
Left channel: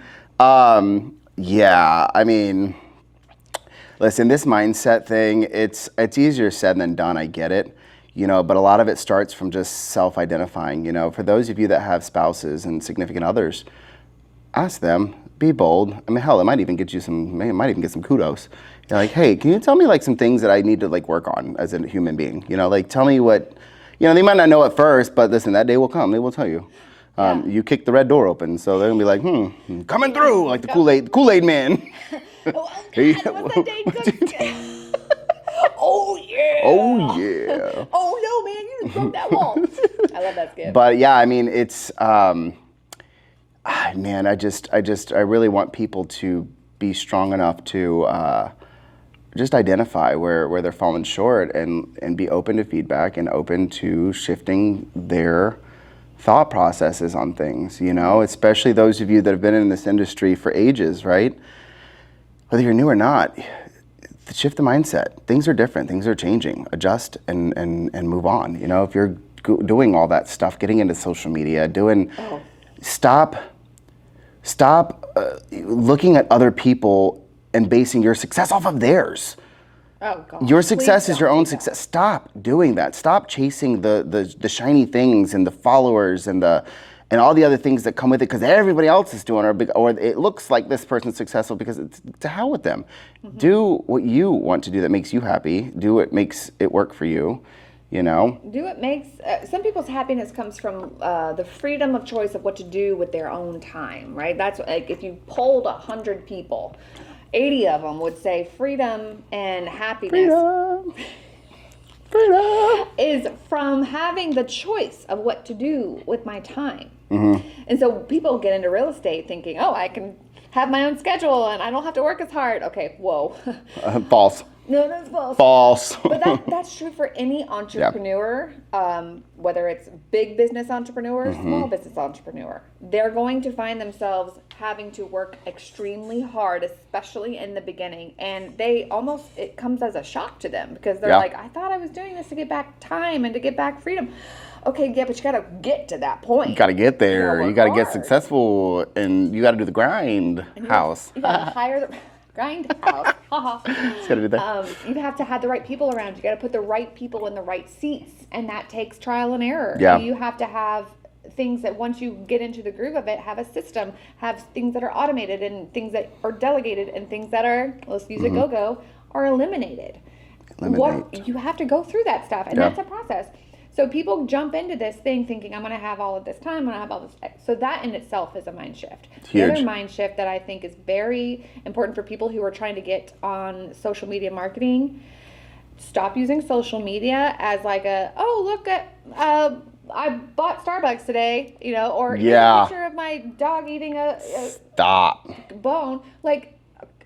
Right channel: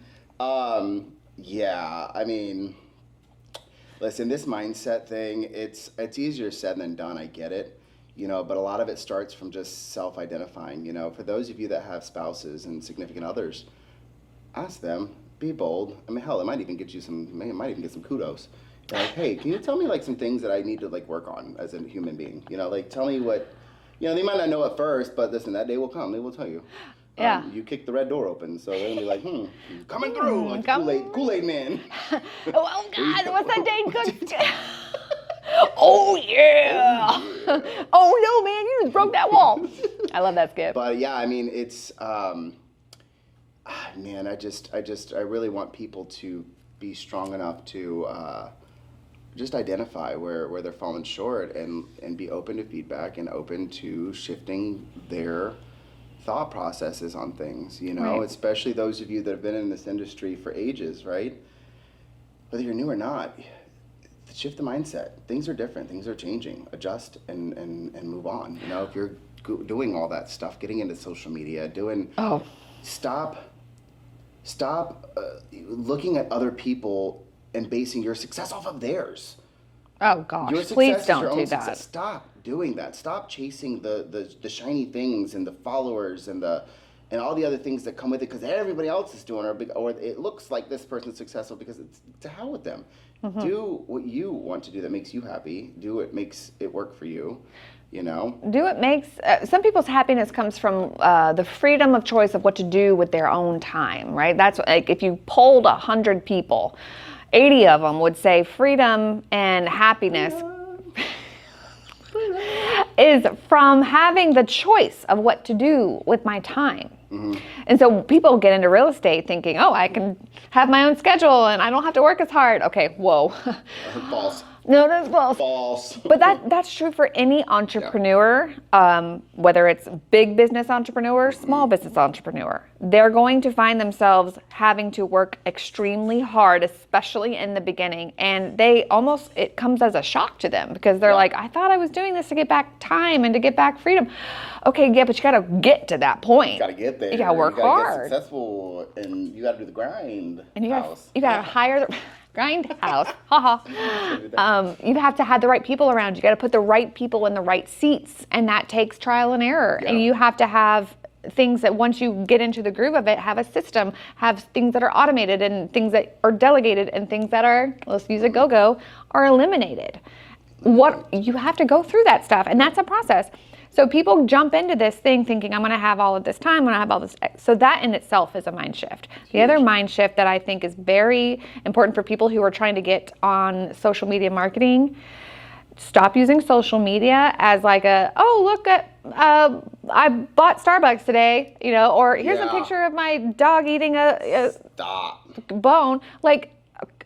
Listen, this mindset thing, it's easier said than done, I get it. But a lot of it starts from just self-identifying. For those of you that have spouses and significant others, ask them, be bold. Hell, it might even get some kudos. You're like, hey, can you tell me some things that I need to work on as a human being? Tell me what, they might not know at first, but listen, that day will come. They will tell you. You kick the red door open, so they're gonna be like, coming through, like the Kool-Aid man. Oh God, what's that Dane Cook? Oh yeah. Oh yeah. Oh no, man, you just broke that wall. I love that skit. But yeah, I mean, it's, man, I really want people to be strong enough to just identify where they're falling short and be open to feedback and open to shifting their thought processes on things, you know, especially those of you that have been in this industry for ages, right? Whether you're new or not, shift the mindset. Things are different. Things are changing. Adjust and move on. You know, if you're doing all that stuff, getting into social media, stop looking at other people and basing your success off of theirs. Oh gosh. Your success is your own success. Stop doing that. Stop chasing the shiny things and the followers and all the other things that come with it because everybody else is doing or it looks like this person's successful because it's to hell with them. Do what you want to do that makes you happy. Do what makes it work for you. You know. Do what makes some people's happiness comes from the freedom of choice of what to do with their own time, right? That's like if you polled 100 people, 80 of them would say freedom and happiness is from having the choice of what to do with my time. And so people get into real estate thinking, oh, I can have my own schedule and I don't have to work as hard. Okay, whoa. False. No, that's false. False. But that's true for any entrepreneur, whether it's big business entrepreneur, small business entrepreneur. They're going to find themselves having to work extremely hard, especially in the beginning. And it comes as a shock to them because they're like, I thought I was doing this to get back time and to get back freedom. Okay, yeah, but you got to get to that point. You got to get there. You got to get successful and you got to do the grind house. You got to hire the... Grindhouse. You have to have the right people around. You got to put the right people in the right seats, and that takes trial and error. Yeah. And you have to have things that once you get into the groove of it, have a system, have things that are automated and things that are delegated and things that are, let's use a go-go, are eliminated. You have to go through that stuff, and that's a process. So people jump into this thing thinking, I'm going to have all of this time, I'm going to have all this. So that in itself is a mind shift. The other mind shift that I think is very important for people who are trying to get on social media marketing, stop using social media as like look at, I bought Starbucks today, you know, or here's a picture of my dog eating a bone. Like,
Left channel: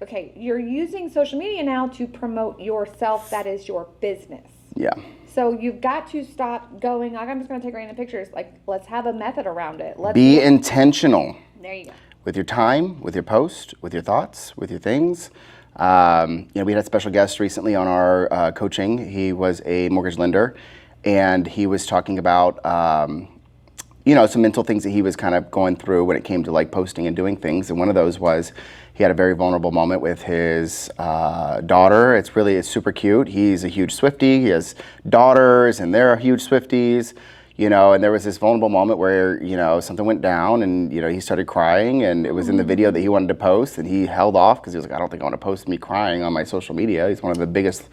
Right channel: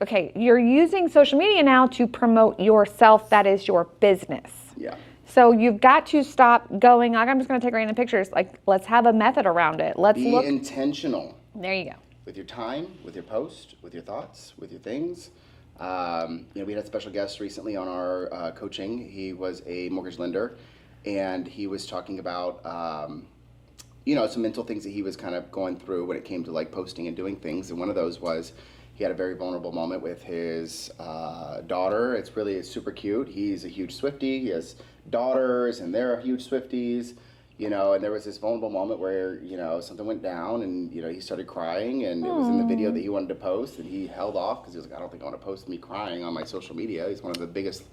okay, you're using social media now to promote yourself. That is your business. Yeah. So you've got to stop going, like, I'm just going to take random pictures. Like, let's have a method around it. Let's be intentional. There you go. With your time, with your post, with your thoughts, with your things. We had a special guest recently on our coaching. He was a mortgage lender, and he was talking about, some mental things that he was kind of going through when it came to like posting and doing things. And one of those was he had a very vulnerable moment with his daughter. It's super cute. He's a huge Swiftie. He has daughters, and they're huge Swifties. You know, and there was this vulnerable moment where, something went down and, he started crying, and it was in the video that he wanted to post, and he held off because he was like, I don't think I want to post me crying on my social media. He's one of the biggest,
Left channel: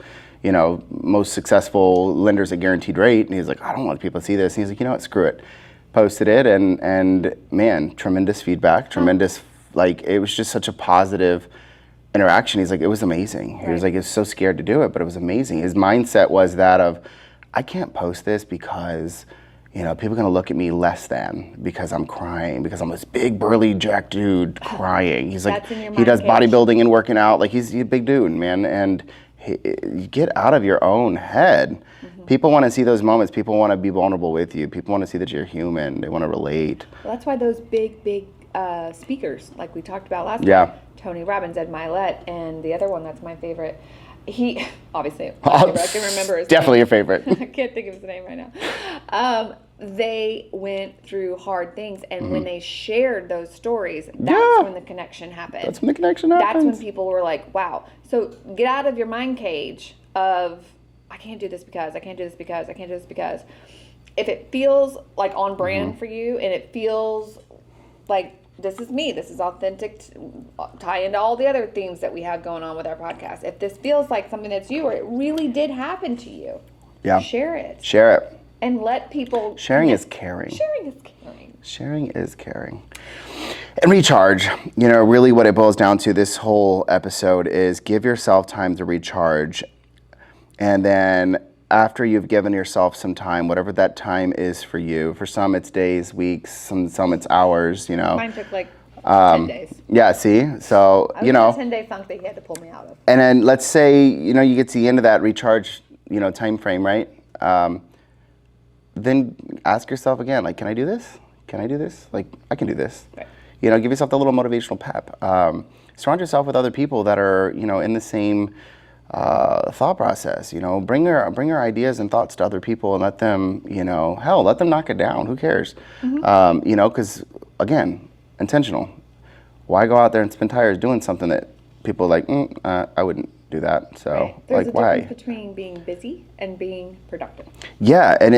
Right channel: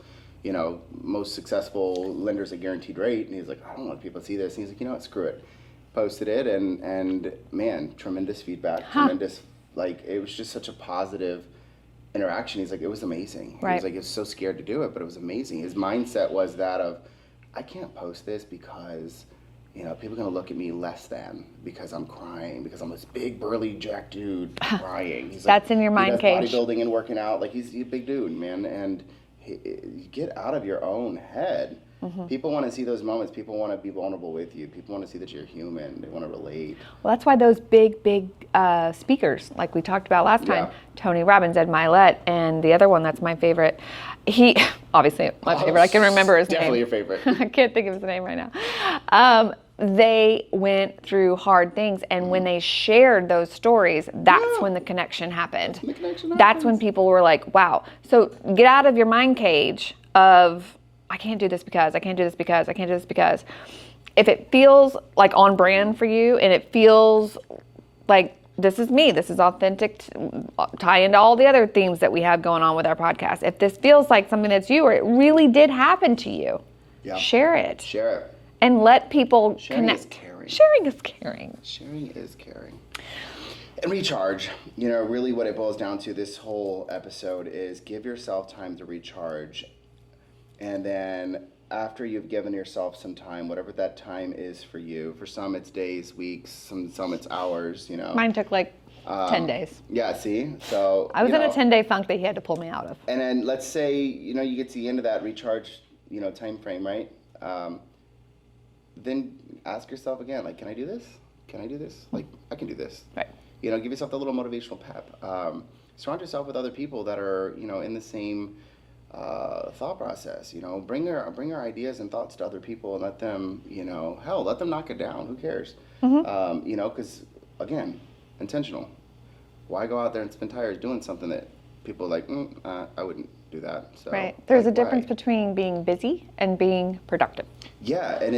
most successful lenders at Guaranteed Rate. And he's like, I don't want people to see this. And he's like, you know what, screw it. Posted it, and man, tremendous feedback, it was just such a positive interaction. He's like, it was amazing. Right. He was like, he was so scared to do it, but it was amazing. His mindset was that of, I can't post this because, people are going to look at me less than because I'm crying, because I'm this big, burly, jack dude crying. He's like, that's in your mind he does cage. Bodybuilding and working out. Like, he's a big dude, man. And you get out of your own head. People want to see those moments. People want to be vulnerable with you. People want to see that you're human. They want to relate. Well, that's why those big speakers, like we talked about last time, Tony Robbins, Ed Milet, and the other one that's my favorite. He, obviously, my favorite. I can remember his definitely name. Your favorite. I can't think of his name right now. They went through hard things, and when they shared those stories, that's when the connection happened. That's when the connection happens. That's when people were like, wow. So get out of your mind cage of, I can't do this because, I can't do this because, I can't do this because. If it feels like on brand for you, and it feels like this is me, this is authentic, tie into all the other themes that we have going on with our podcast. If this feels like something that's you, or it really did happen to you, share it. Share it. and let people Sharing connect. is caring. Sharing is caring. Sharing is caring. And recharge, really what it boils down to this whole episode is give yourself time to recharge. And then after you've given yourself some time, whatever that time is for you, for some it's days, weeks, some it's hours, Mine took like 10 days. Yeah, see? So, I was in a 10-day funk that he had to pull me out of. And then let's say, you get to the end of that recharge, time frame, right? Then ask yourself again, like, can I do this? Can I do this? Like, I can do this. Right. Give yourself a little motivational pep. Surround yourself with other people that are, in the same thought process. Bring your ideas and thoughts to other people and let them, let them knock it down. Who cares? Because again, intentional. Why go out there and spend tires doing something that people are like, I wouldn't do that. So right. There's a difference between being busy and being productive. Yeah, and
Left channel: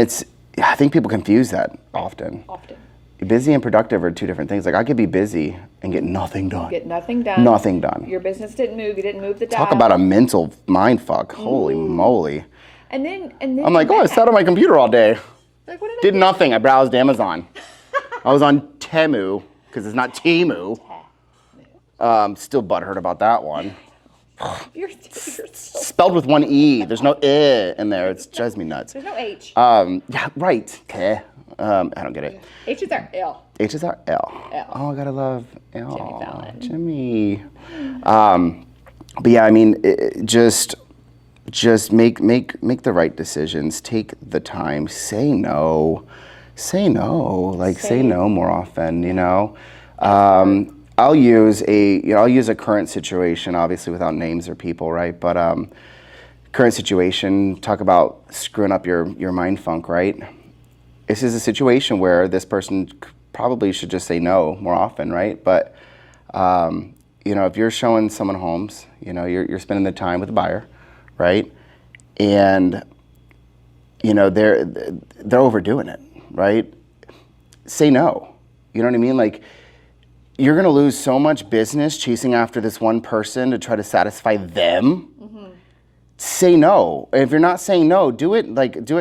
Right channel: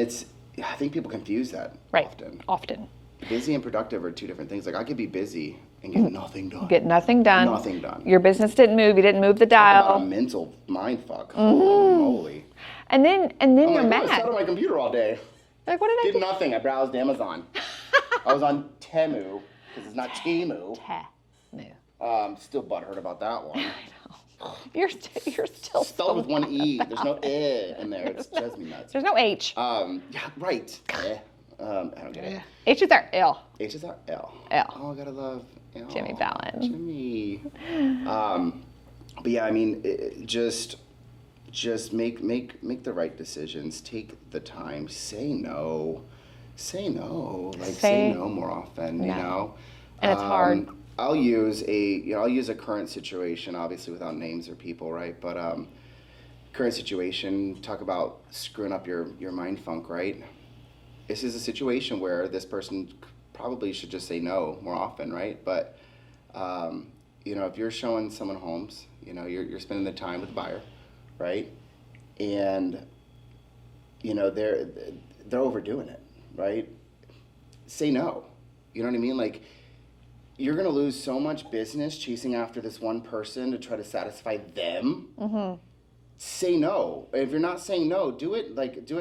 I think people confuse that often. Often. Busy and productive are two different things. Like I could be busy and get nothing done. Get nothing done. Nothing done. Your business didn't move. You didn't move the dial. Talk about a mental mind fuck. Holy moly. And then I'm like, I sat on my computer all day. Like, what did I do? Nothing. I browsed Amazon. I was on Temu because it's not Temu. Still butthurt about that one. You're still spelled with one E. There's no I in there. It drives me nuts. There's no H. Yeah, right. I don't get it. H's are L. H's are L. L. Oh, I gotta love L. Jimmy Fallon. Jimmy. But yeah, I mean, just make the right decisions. Take the time. Say no. Say no. Like say no more often. I'll use a current situation, obviously without names or people, right? But current situation. Talk about screwing up your mind funk, right? This is a situation where this person probably should just say no more often, right? But if you're showing someone homes, you're spending the time with the buyer, right? And they're overdoing it, right? Say no. You know what I mean? Like you're gonna lose so much business chasing after this one person to try to satisfy them. Mm-hmm. Say no. If you're not saying no, do it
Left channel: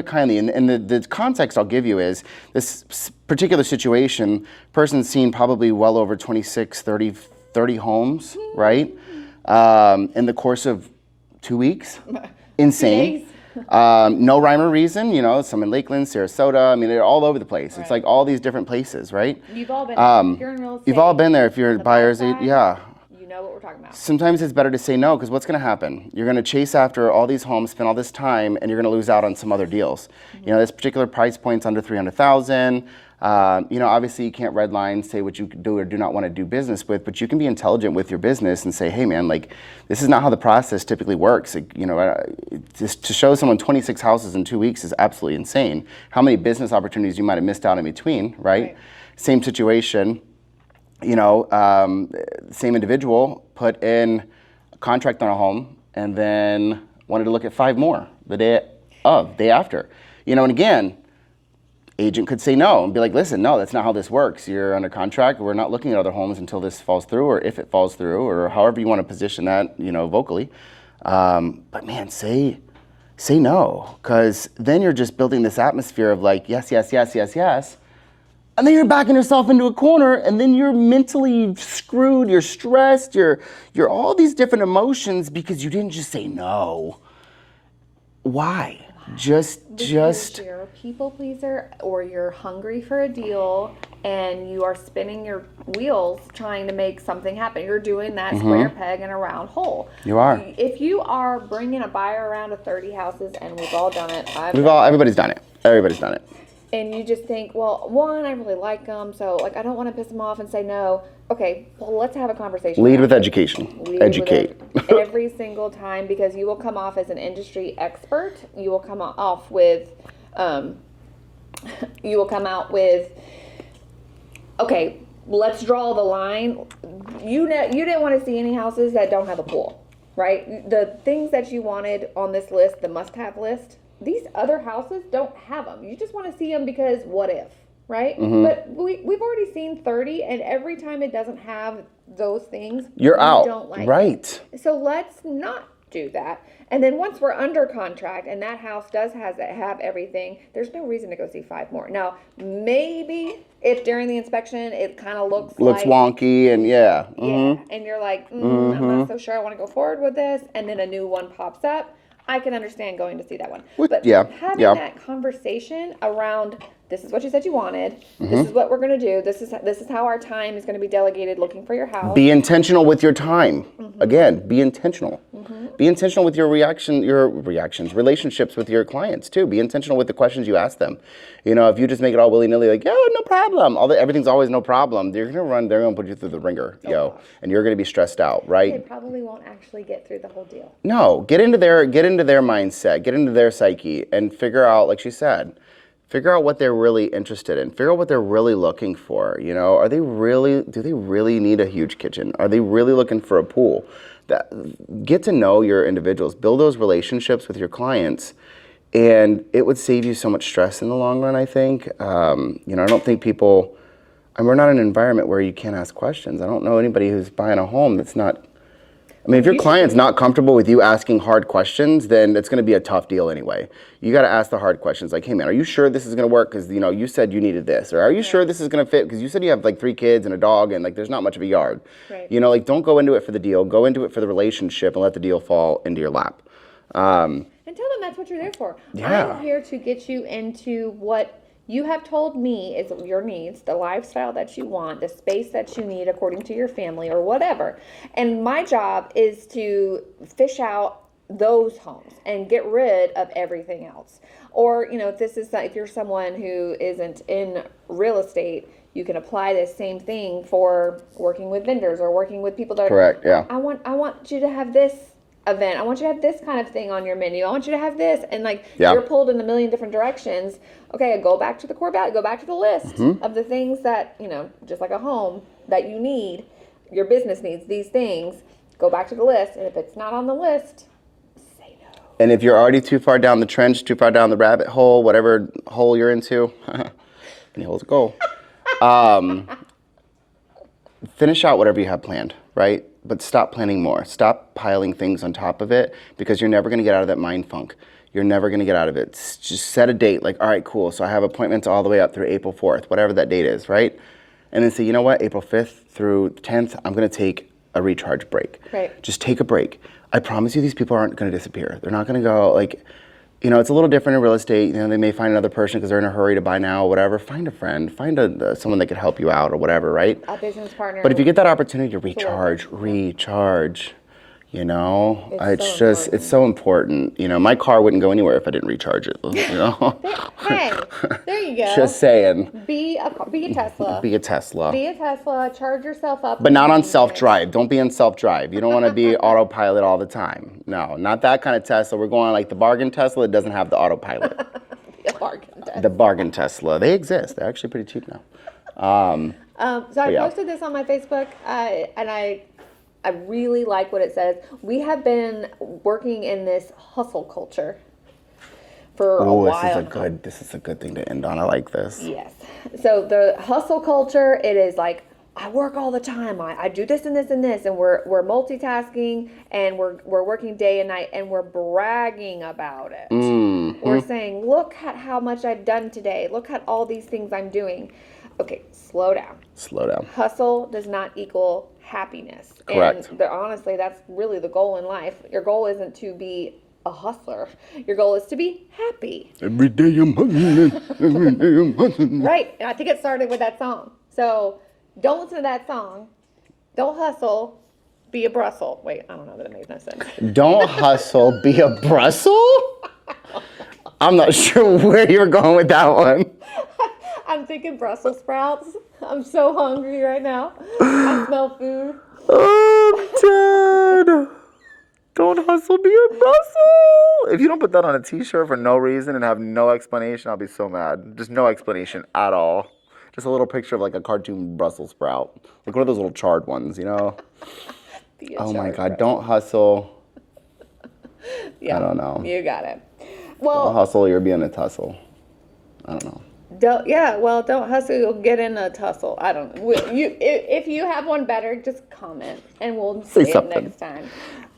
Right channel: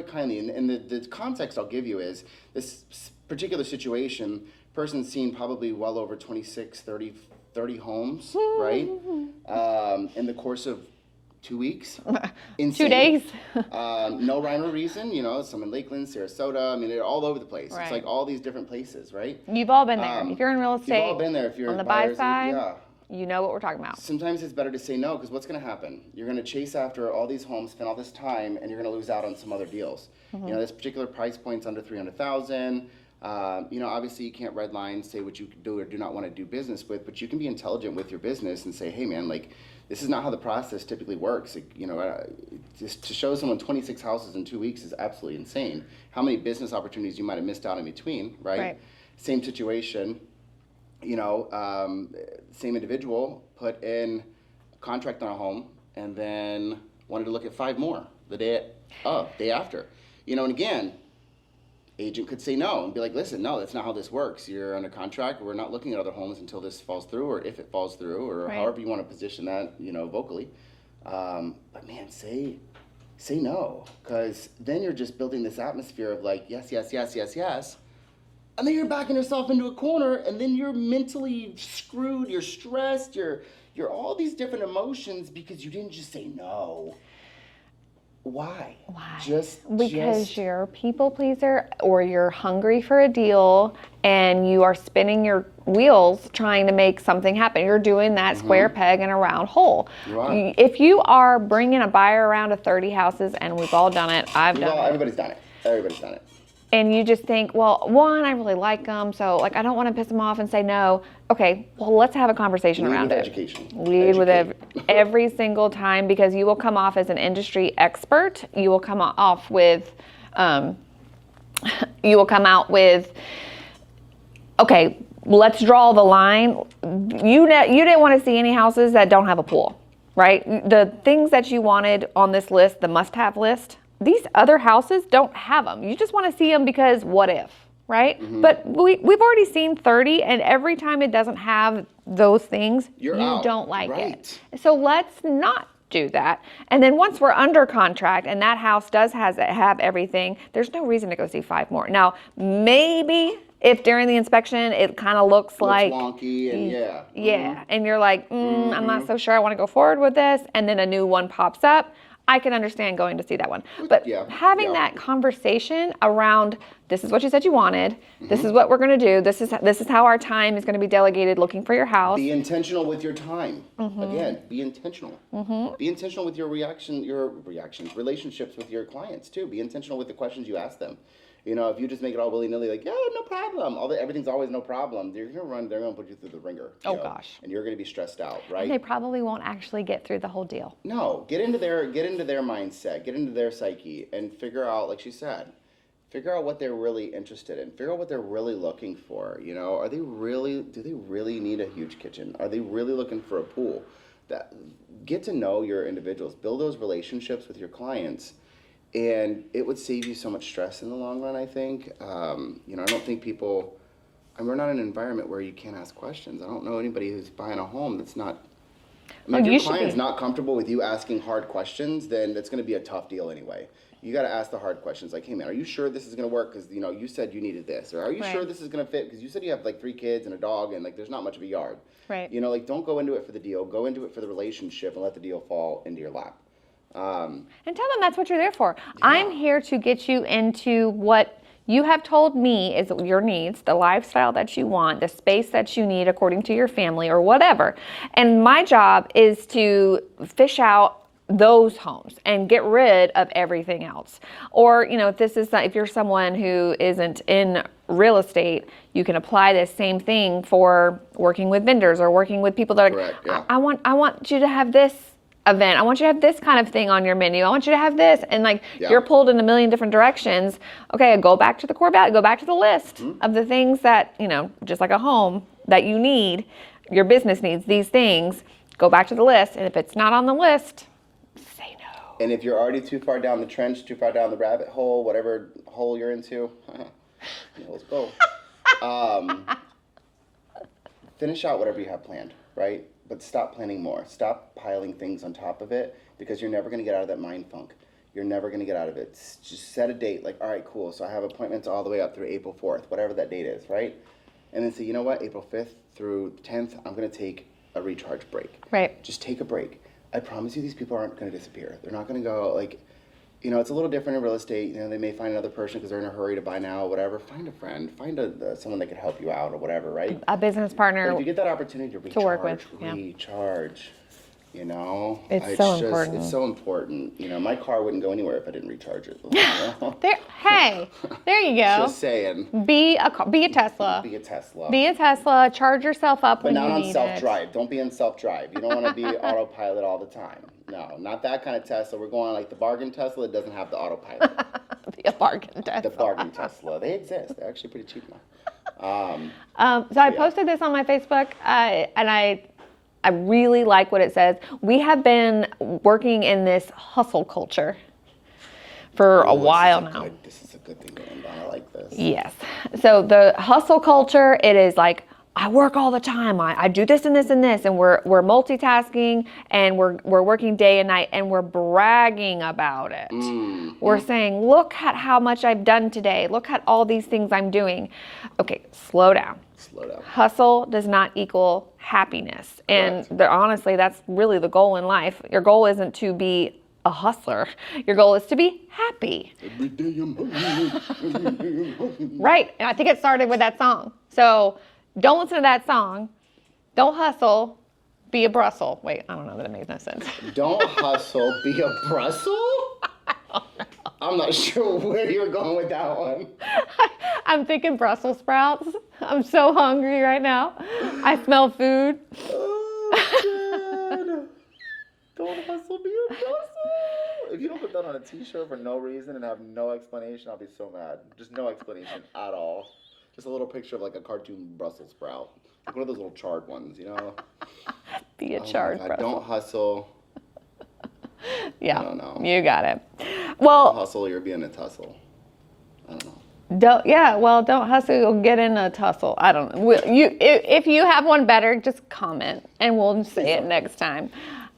kindly. And the context I'll give you is this particular situation, person's seen probably well over 26, 30 homes, right? In the course of 2 weeks. Insane. 2 days. No rhyme or reason, some in Lakeland, Sarasota. I mean, they're all over the place. Right. It's like all these different places, right? You've all been there. If you're in real estate. You've all been there if you're buyers. Yeah. You know what we're talking about. Sometimes it's better to say no, because what's going to happen? You're going to chase after all these homes, spend all this time, and you're going to lose out on some other deals. Mm-hmm. This particular price point's under $300,000. Obviously you can't redline, say what you do or do not want to do business with, but you can be intelligent with your business and say, hey man, like this is not how the process typically works. Like, just to show someone 26 houses in 2 weeks is absolutely insane. How many business opportunities you might have missed out in between, right? Same situation. Same individual put in a contract on a home and then wanted to look at 5 more the day after. And again, agent could say no and be like, listen, no, that's not how this works. You're under contract. We're not looking at other homes until this falls through or if it falls through or however you want to position that, vocally. But man, say no, because then you're just building this atmosphere of like, yes, yes, yes, yes, yes. And then you're backing yourself into a corner and then you're mentally screwed, you're stressed, you're all these different emotions because you didn't just say no. Why? Because you're a people pleaser or you're hungry for a deal and you are spinning your wheels trying to make something happen. You're doing that square peg in a round hole. You are. If you are bringing a buyer around to 30 houses, and we've all done it. Everybody's done it. Everybody's done it. And you just think, well, one, I really like them, so like I don't want to piss them off and say no. Okay, well, let's have a conversation. Lead with education. Educate. With every single time, because you will come off as an industry expert. You will come off with, okay, let's draw the line. You didn't want to see any houses that don't have a pool, right? The things that you wanted on this list, the must-have list, these other houses don't have them. You just want to see them because what if, right? Mm-hmm. But we've already seen 30, and every time it doesn't have those things, you're out. Don't like right. it. So let's not do that. And then once we're under contract and that house does have everything, there's no reason to go see 5 more. Now, maybe if during the inspection it kind of looks like wonky and yeah, and you're like, I'm not so sure I want to go forward with this, and then a new one pops up, I can understand going to see that one. But having that conversation around, this is what you said you wanted. This is what we're going to do. This is how our time is going to be delegated looking for your house. Be intentional with your time. Again, be intentional. Be intentional with your reactions, relationships with your clients too. Be intentional with the questions you ask them. You know, if you just make it all willy-nilly, like, yeah, no problem. Everything's always no problem. They're going to put you through the ringer, and you're going to be stressed out, right? They probably won't actually get through the whole deal. No, get into their mindset, get into their psyche, and figure out, like she said, figure out what they're really interested in. Figure out what they're really looking for. You know, do they really need a huge kitchen? Are they really looking for a pool? Get to know your individuals, build those relationships with your clients, and it would save you so much stress in the long run, I think. You know, I don't think people, and we're not in an environment where you can't ask questions. I don't know anybody who's buying a home that's not, I mean, if your client's not comfortable with you asking hard questions, then it's going to be a tough deal anyway. You got to ask the hard questions like, hey man, are you sure this is going to work? Because, you know, you said you needed this. Or are you sure this is going to fit? Because you said you have like 3 kids and a dog and like there's not much of a yard. Right. You know, like don't go into it for the deal. Go into it for the relationship and let the deal fall into your lap. And tell them that's what you're there for. Yeah. I'm here to get you into what you have told me is your needs, the lifestyle that you want, the space that you need according to your family or whatever. And my job is to fish out those homes and get rid of everything else. Or, you know, if you're someone who isn't in real estate, you can apply this same thing for working with vendors or working with people that are, I want you to have this event. I want you to have this kind of thing on your menu. I want you to have this. And like you're pulled in a million different directions. Okay, go back to the core value, go back to the list of the things that, you know, just like a home that you need, your business needs these things, go back to the list. And if it's not on the list, say no. And if you're already too far down the trench, too far down the rabbit hole, whatever hole you're into, any hole's a goal. Finish out whatever you have planned, right? But stop planning more. Stop piling things on top of it because you're never going to get out of that mind funk. You're never going to get out of it. Just set a date like, all right, cool. So I have appointments all the way up through April 4th, whatever that date is, right? And then say, you know what, April 5th through 10th, I'm going to take a recharge break. Right. Just take a break. I promise you these people aren't going to disappear. They're not going to go like, you know, it's a little different in real estate. You know, they may find another person because they're in a hurry to buy now or whatever. Find a friend, find someone that could help you out or whatever, right? A business partner. But if you get that opportunity to recharge, you know, it's so important. You know, my car wouldn't go anywhere if I didn't recharge it. You know? There you go. Just saying. Be a Tesla. Be a Tesla. Be a Tesla. Charge yourself up. But not on self-drive. Don't be on self-drive. You don't want to be autopilot all the time. No, not that kind of Tesla. We're going like the bargain Tesla. It doesn't have the autopilot. Be a bargain Tesla. The bargain Tesla. They exist. They're actually pretty cheap now. So I posted this on my Facebook, and I really like what it says. We have been working in this hustle culture for a while now. This is a good thing to end on. I like this. Yes. So the hustle culture, it is like, I work all the time. I do this and this and this, and we're multitasking, and we're working day and night, and we're bragging about it. We're saying, look at how much I've done today. Look at all these things I'm doing. Okay, slow down. Slow down. Hustle does not equal happiness. Correct. And honestly, that's really the goal in life. Your goal isn't to be a hustler. Your goal is to be happy. Every day I'm hustling. Every day I'm hustling. Right. And I think it started with that song. So don't listen to that song. Don't hustle. Be a Brussels. Wait, I don't know that it makes no sense. Don't hustle. Be a Brussels? I'm not sure where you're going with that one. I'm thinking Brussels sprouts. I'm so hungry right now. I smell food. Oh, Dad. Don't hustle, be a Brussels. If you don't put that on a t-shirt for no reason and have no explanation, I'll be so mad. Just no explanation at all. Just a little picture of like a cartoon Brussels sprout. Like one of those little charred ones, you know? Oh my God, don't hustle. Yeah, I don't know. You got it. Well, don't hustle, you're being a tussle. I don't know. Don't hustle, you'll get in a tussle. I don't know. If you have one better, just comment and we'll see it next time.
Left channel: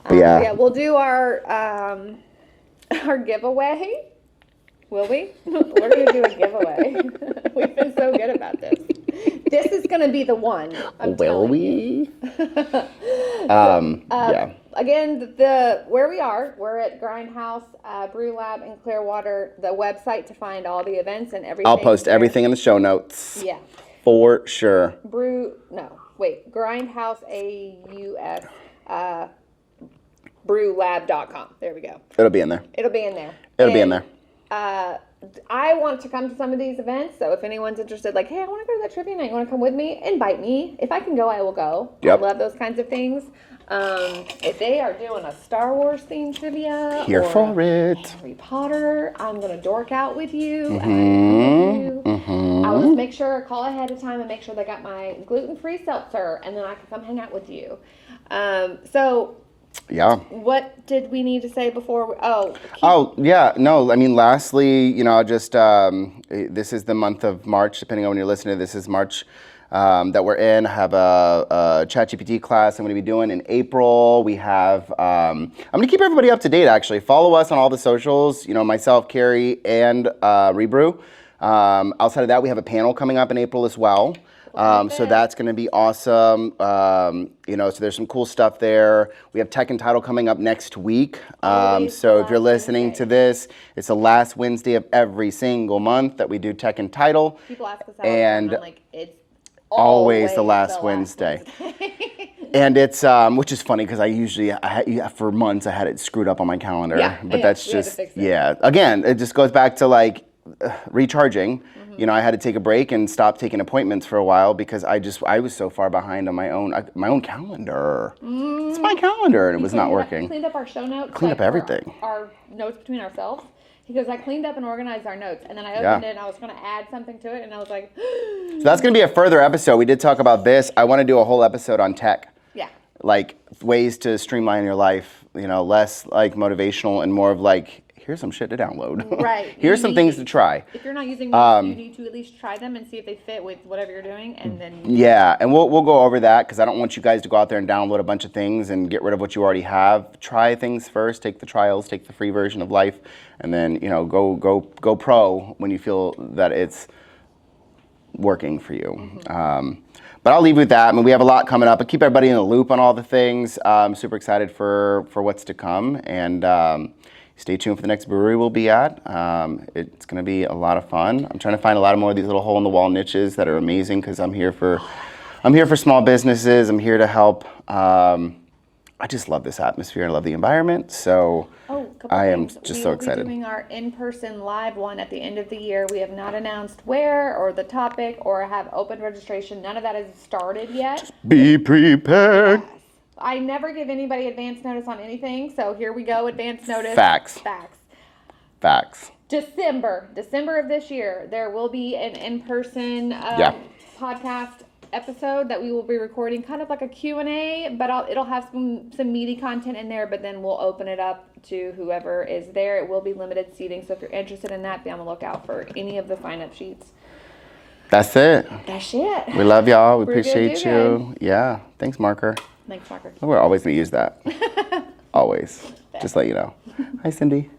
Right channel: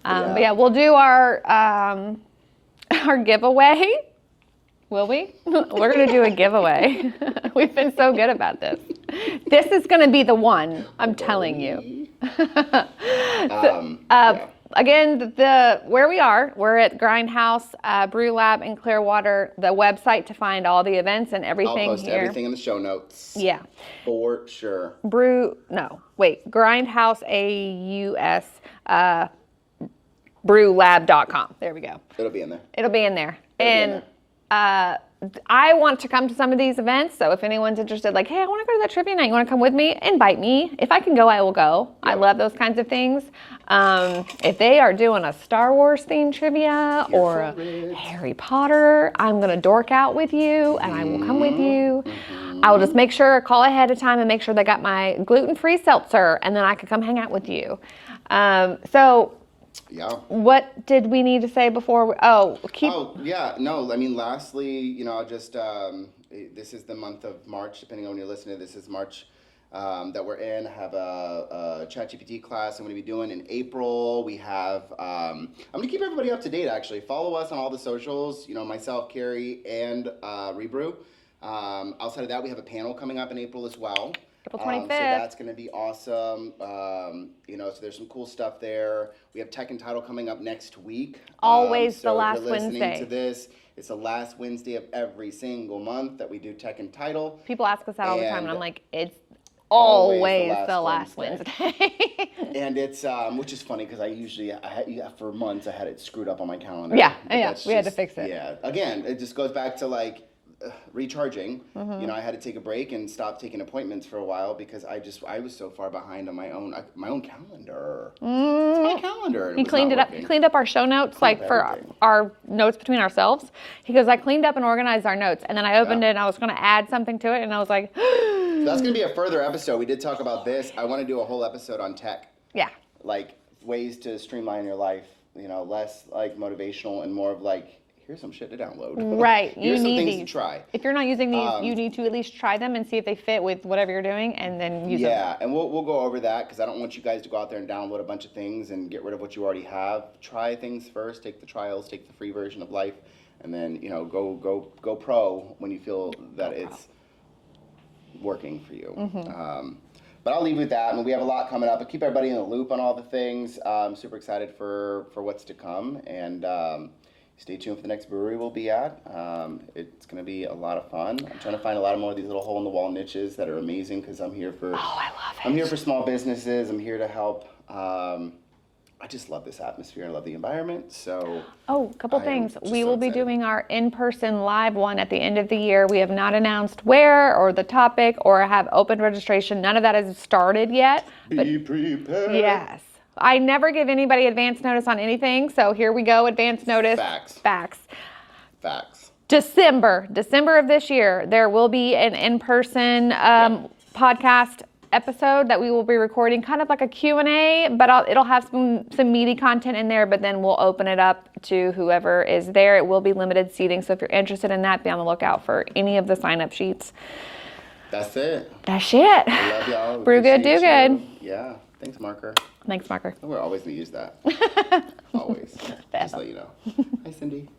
Yeah, we'll do our giveaway. Will we? We're going to do a giveeway. We've been so good about this. This is going to be the one, I'm telling you. Yeah. Again, where we are, we're at Grindhouse Brew Lab in Clearwater. The website to find all the events and everything. I'll post everything in the show notes. Yeah. For sure. Grindhouse brewlab.com. There we go. It'll be in there. It'll be in there. I want to come to some of these events, so if anyone's interested, like, hey, I want to go to that trivia night, you want to come with me? Invite me. If I can go, I will go. Yep. I love those kinds of things. If they are doing a Star Wars themed trivia or Harry Potter, I'm going to dork out with you and I will come with you. I will just make sure, call ahead of time and make sure they got my gluten-free seltzer, and then I could come hang out with you. Yeah. What did we need to say before? Lastly, just this is the month of March, depending on when you're listening. This is March that we're in. I have a ChatGPT class I'm going to be doing in April. We have, I'm going to keep everybody up to date, actually. Follow us on all the socials, myself, Carrie, and Re-Brew. Outside of that, we have a panel coming up in April as well. So that's going to be awesome. So there's some cool stuff there. We have Tech and Title coming up next week. So if you're listening to this, it's the last Wednesday of every single month that we do Tech and Title. People ask us that all the time, and I'm like, it's always the last Wednesday. And it's, which is funny because for months I had it screwed up on my calendar. But that's just, we had to fix it. Yeah. Again, it just goes back to like, recharging. I had to take a break and stop taking appointments for a while because I was so far behind on my own calendar. It's my calendar, and it was not working. Cleaned up our show notes, Cleaned up everything. For our notes between ourselves. He goes, I cleaned up and organized our notes, and then I opened it and I was going to add something to it, and I was like, so that's going to be a further episode. We did talk about this. I want to do a whole episode on tech. Yeah. Like ways to streamline your life. Less like motivational and more of like, here's some shit to download. Right. Here's some things to try. If you're not using these, you need to at least try them and see if they fit with whatever you're doing, and then use them. And we'll go over that because I don't want you guys to go out there and download a bunch of things and get rid of what you already have. Try things first, take the trials, take the free version of life, and then go pro when you feel that it's working for you. But I'll leave you with that. We have a lot coming up. But keep everybody in the loop on all the things. I'm super excited for what's to come, and stay tuned for the next brewery we'll be at. It's going to be a lot of fun. I'm trying to find a lot more of these little hole-in-the-wall niches that are amazing because I'm here for small businesses. I'm here to help. I just love this atmosphere. I love the environment. So a couple things. We will be doing our in-person live one at the end of the year. We have not announced where or the topic or have open registration. None of that has started yet. Just be prepared. Yes. I never give anybody advance notice on anything, so here we go, advance notice. Facts. December of this year, there will be an in-person podcast episode that we will be recording, kind of like a Q&A, but it'll have some meaty content in there, but then we'll open it up to whoever is there. It will be limited seating, so if you're interested in that, be on the lookout for any of the sign-up sheets. That's it. We love y'all. We Brew appreciate good, do you. good. Yeah. Thanks, Marker. Thanks, Marker. We're always going to use that. Always. Just let you know. Hi, Cindy.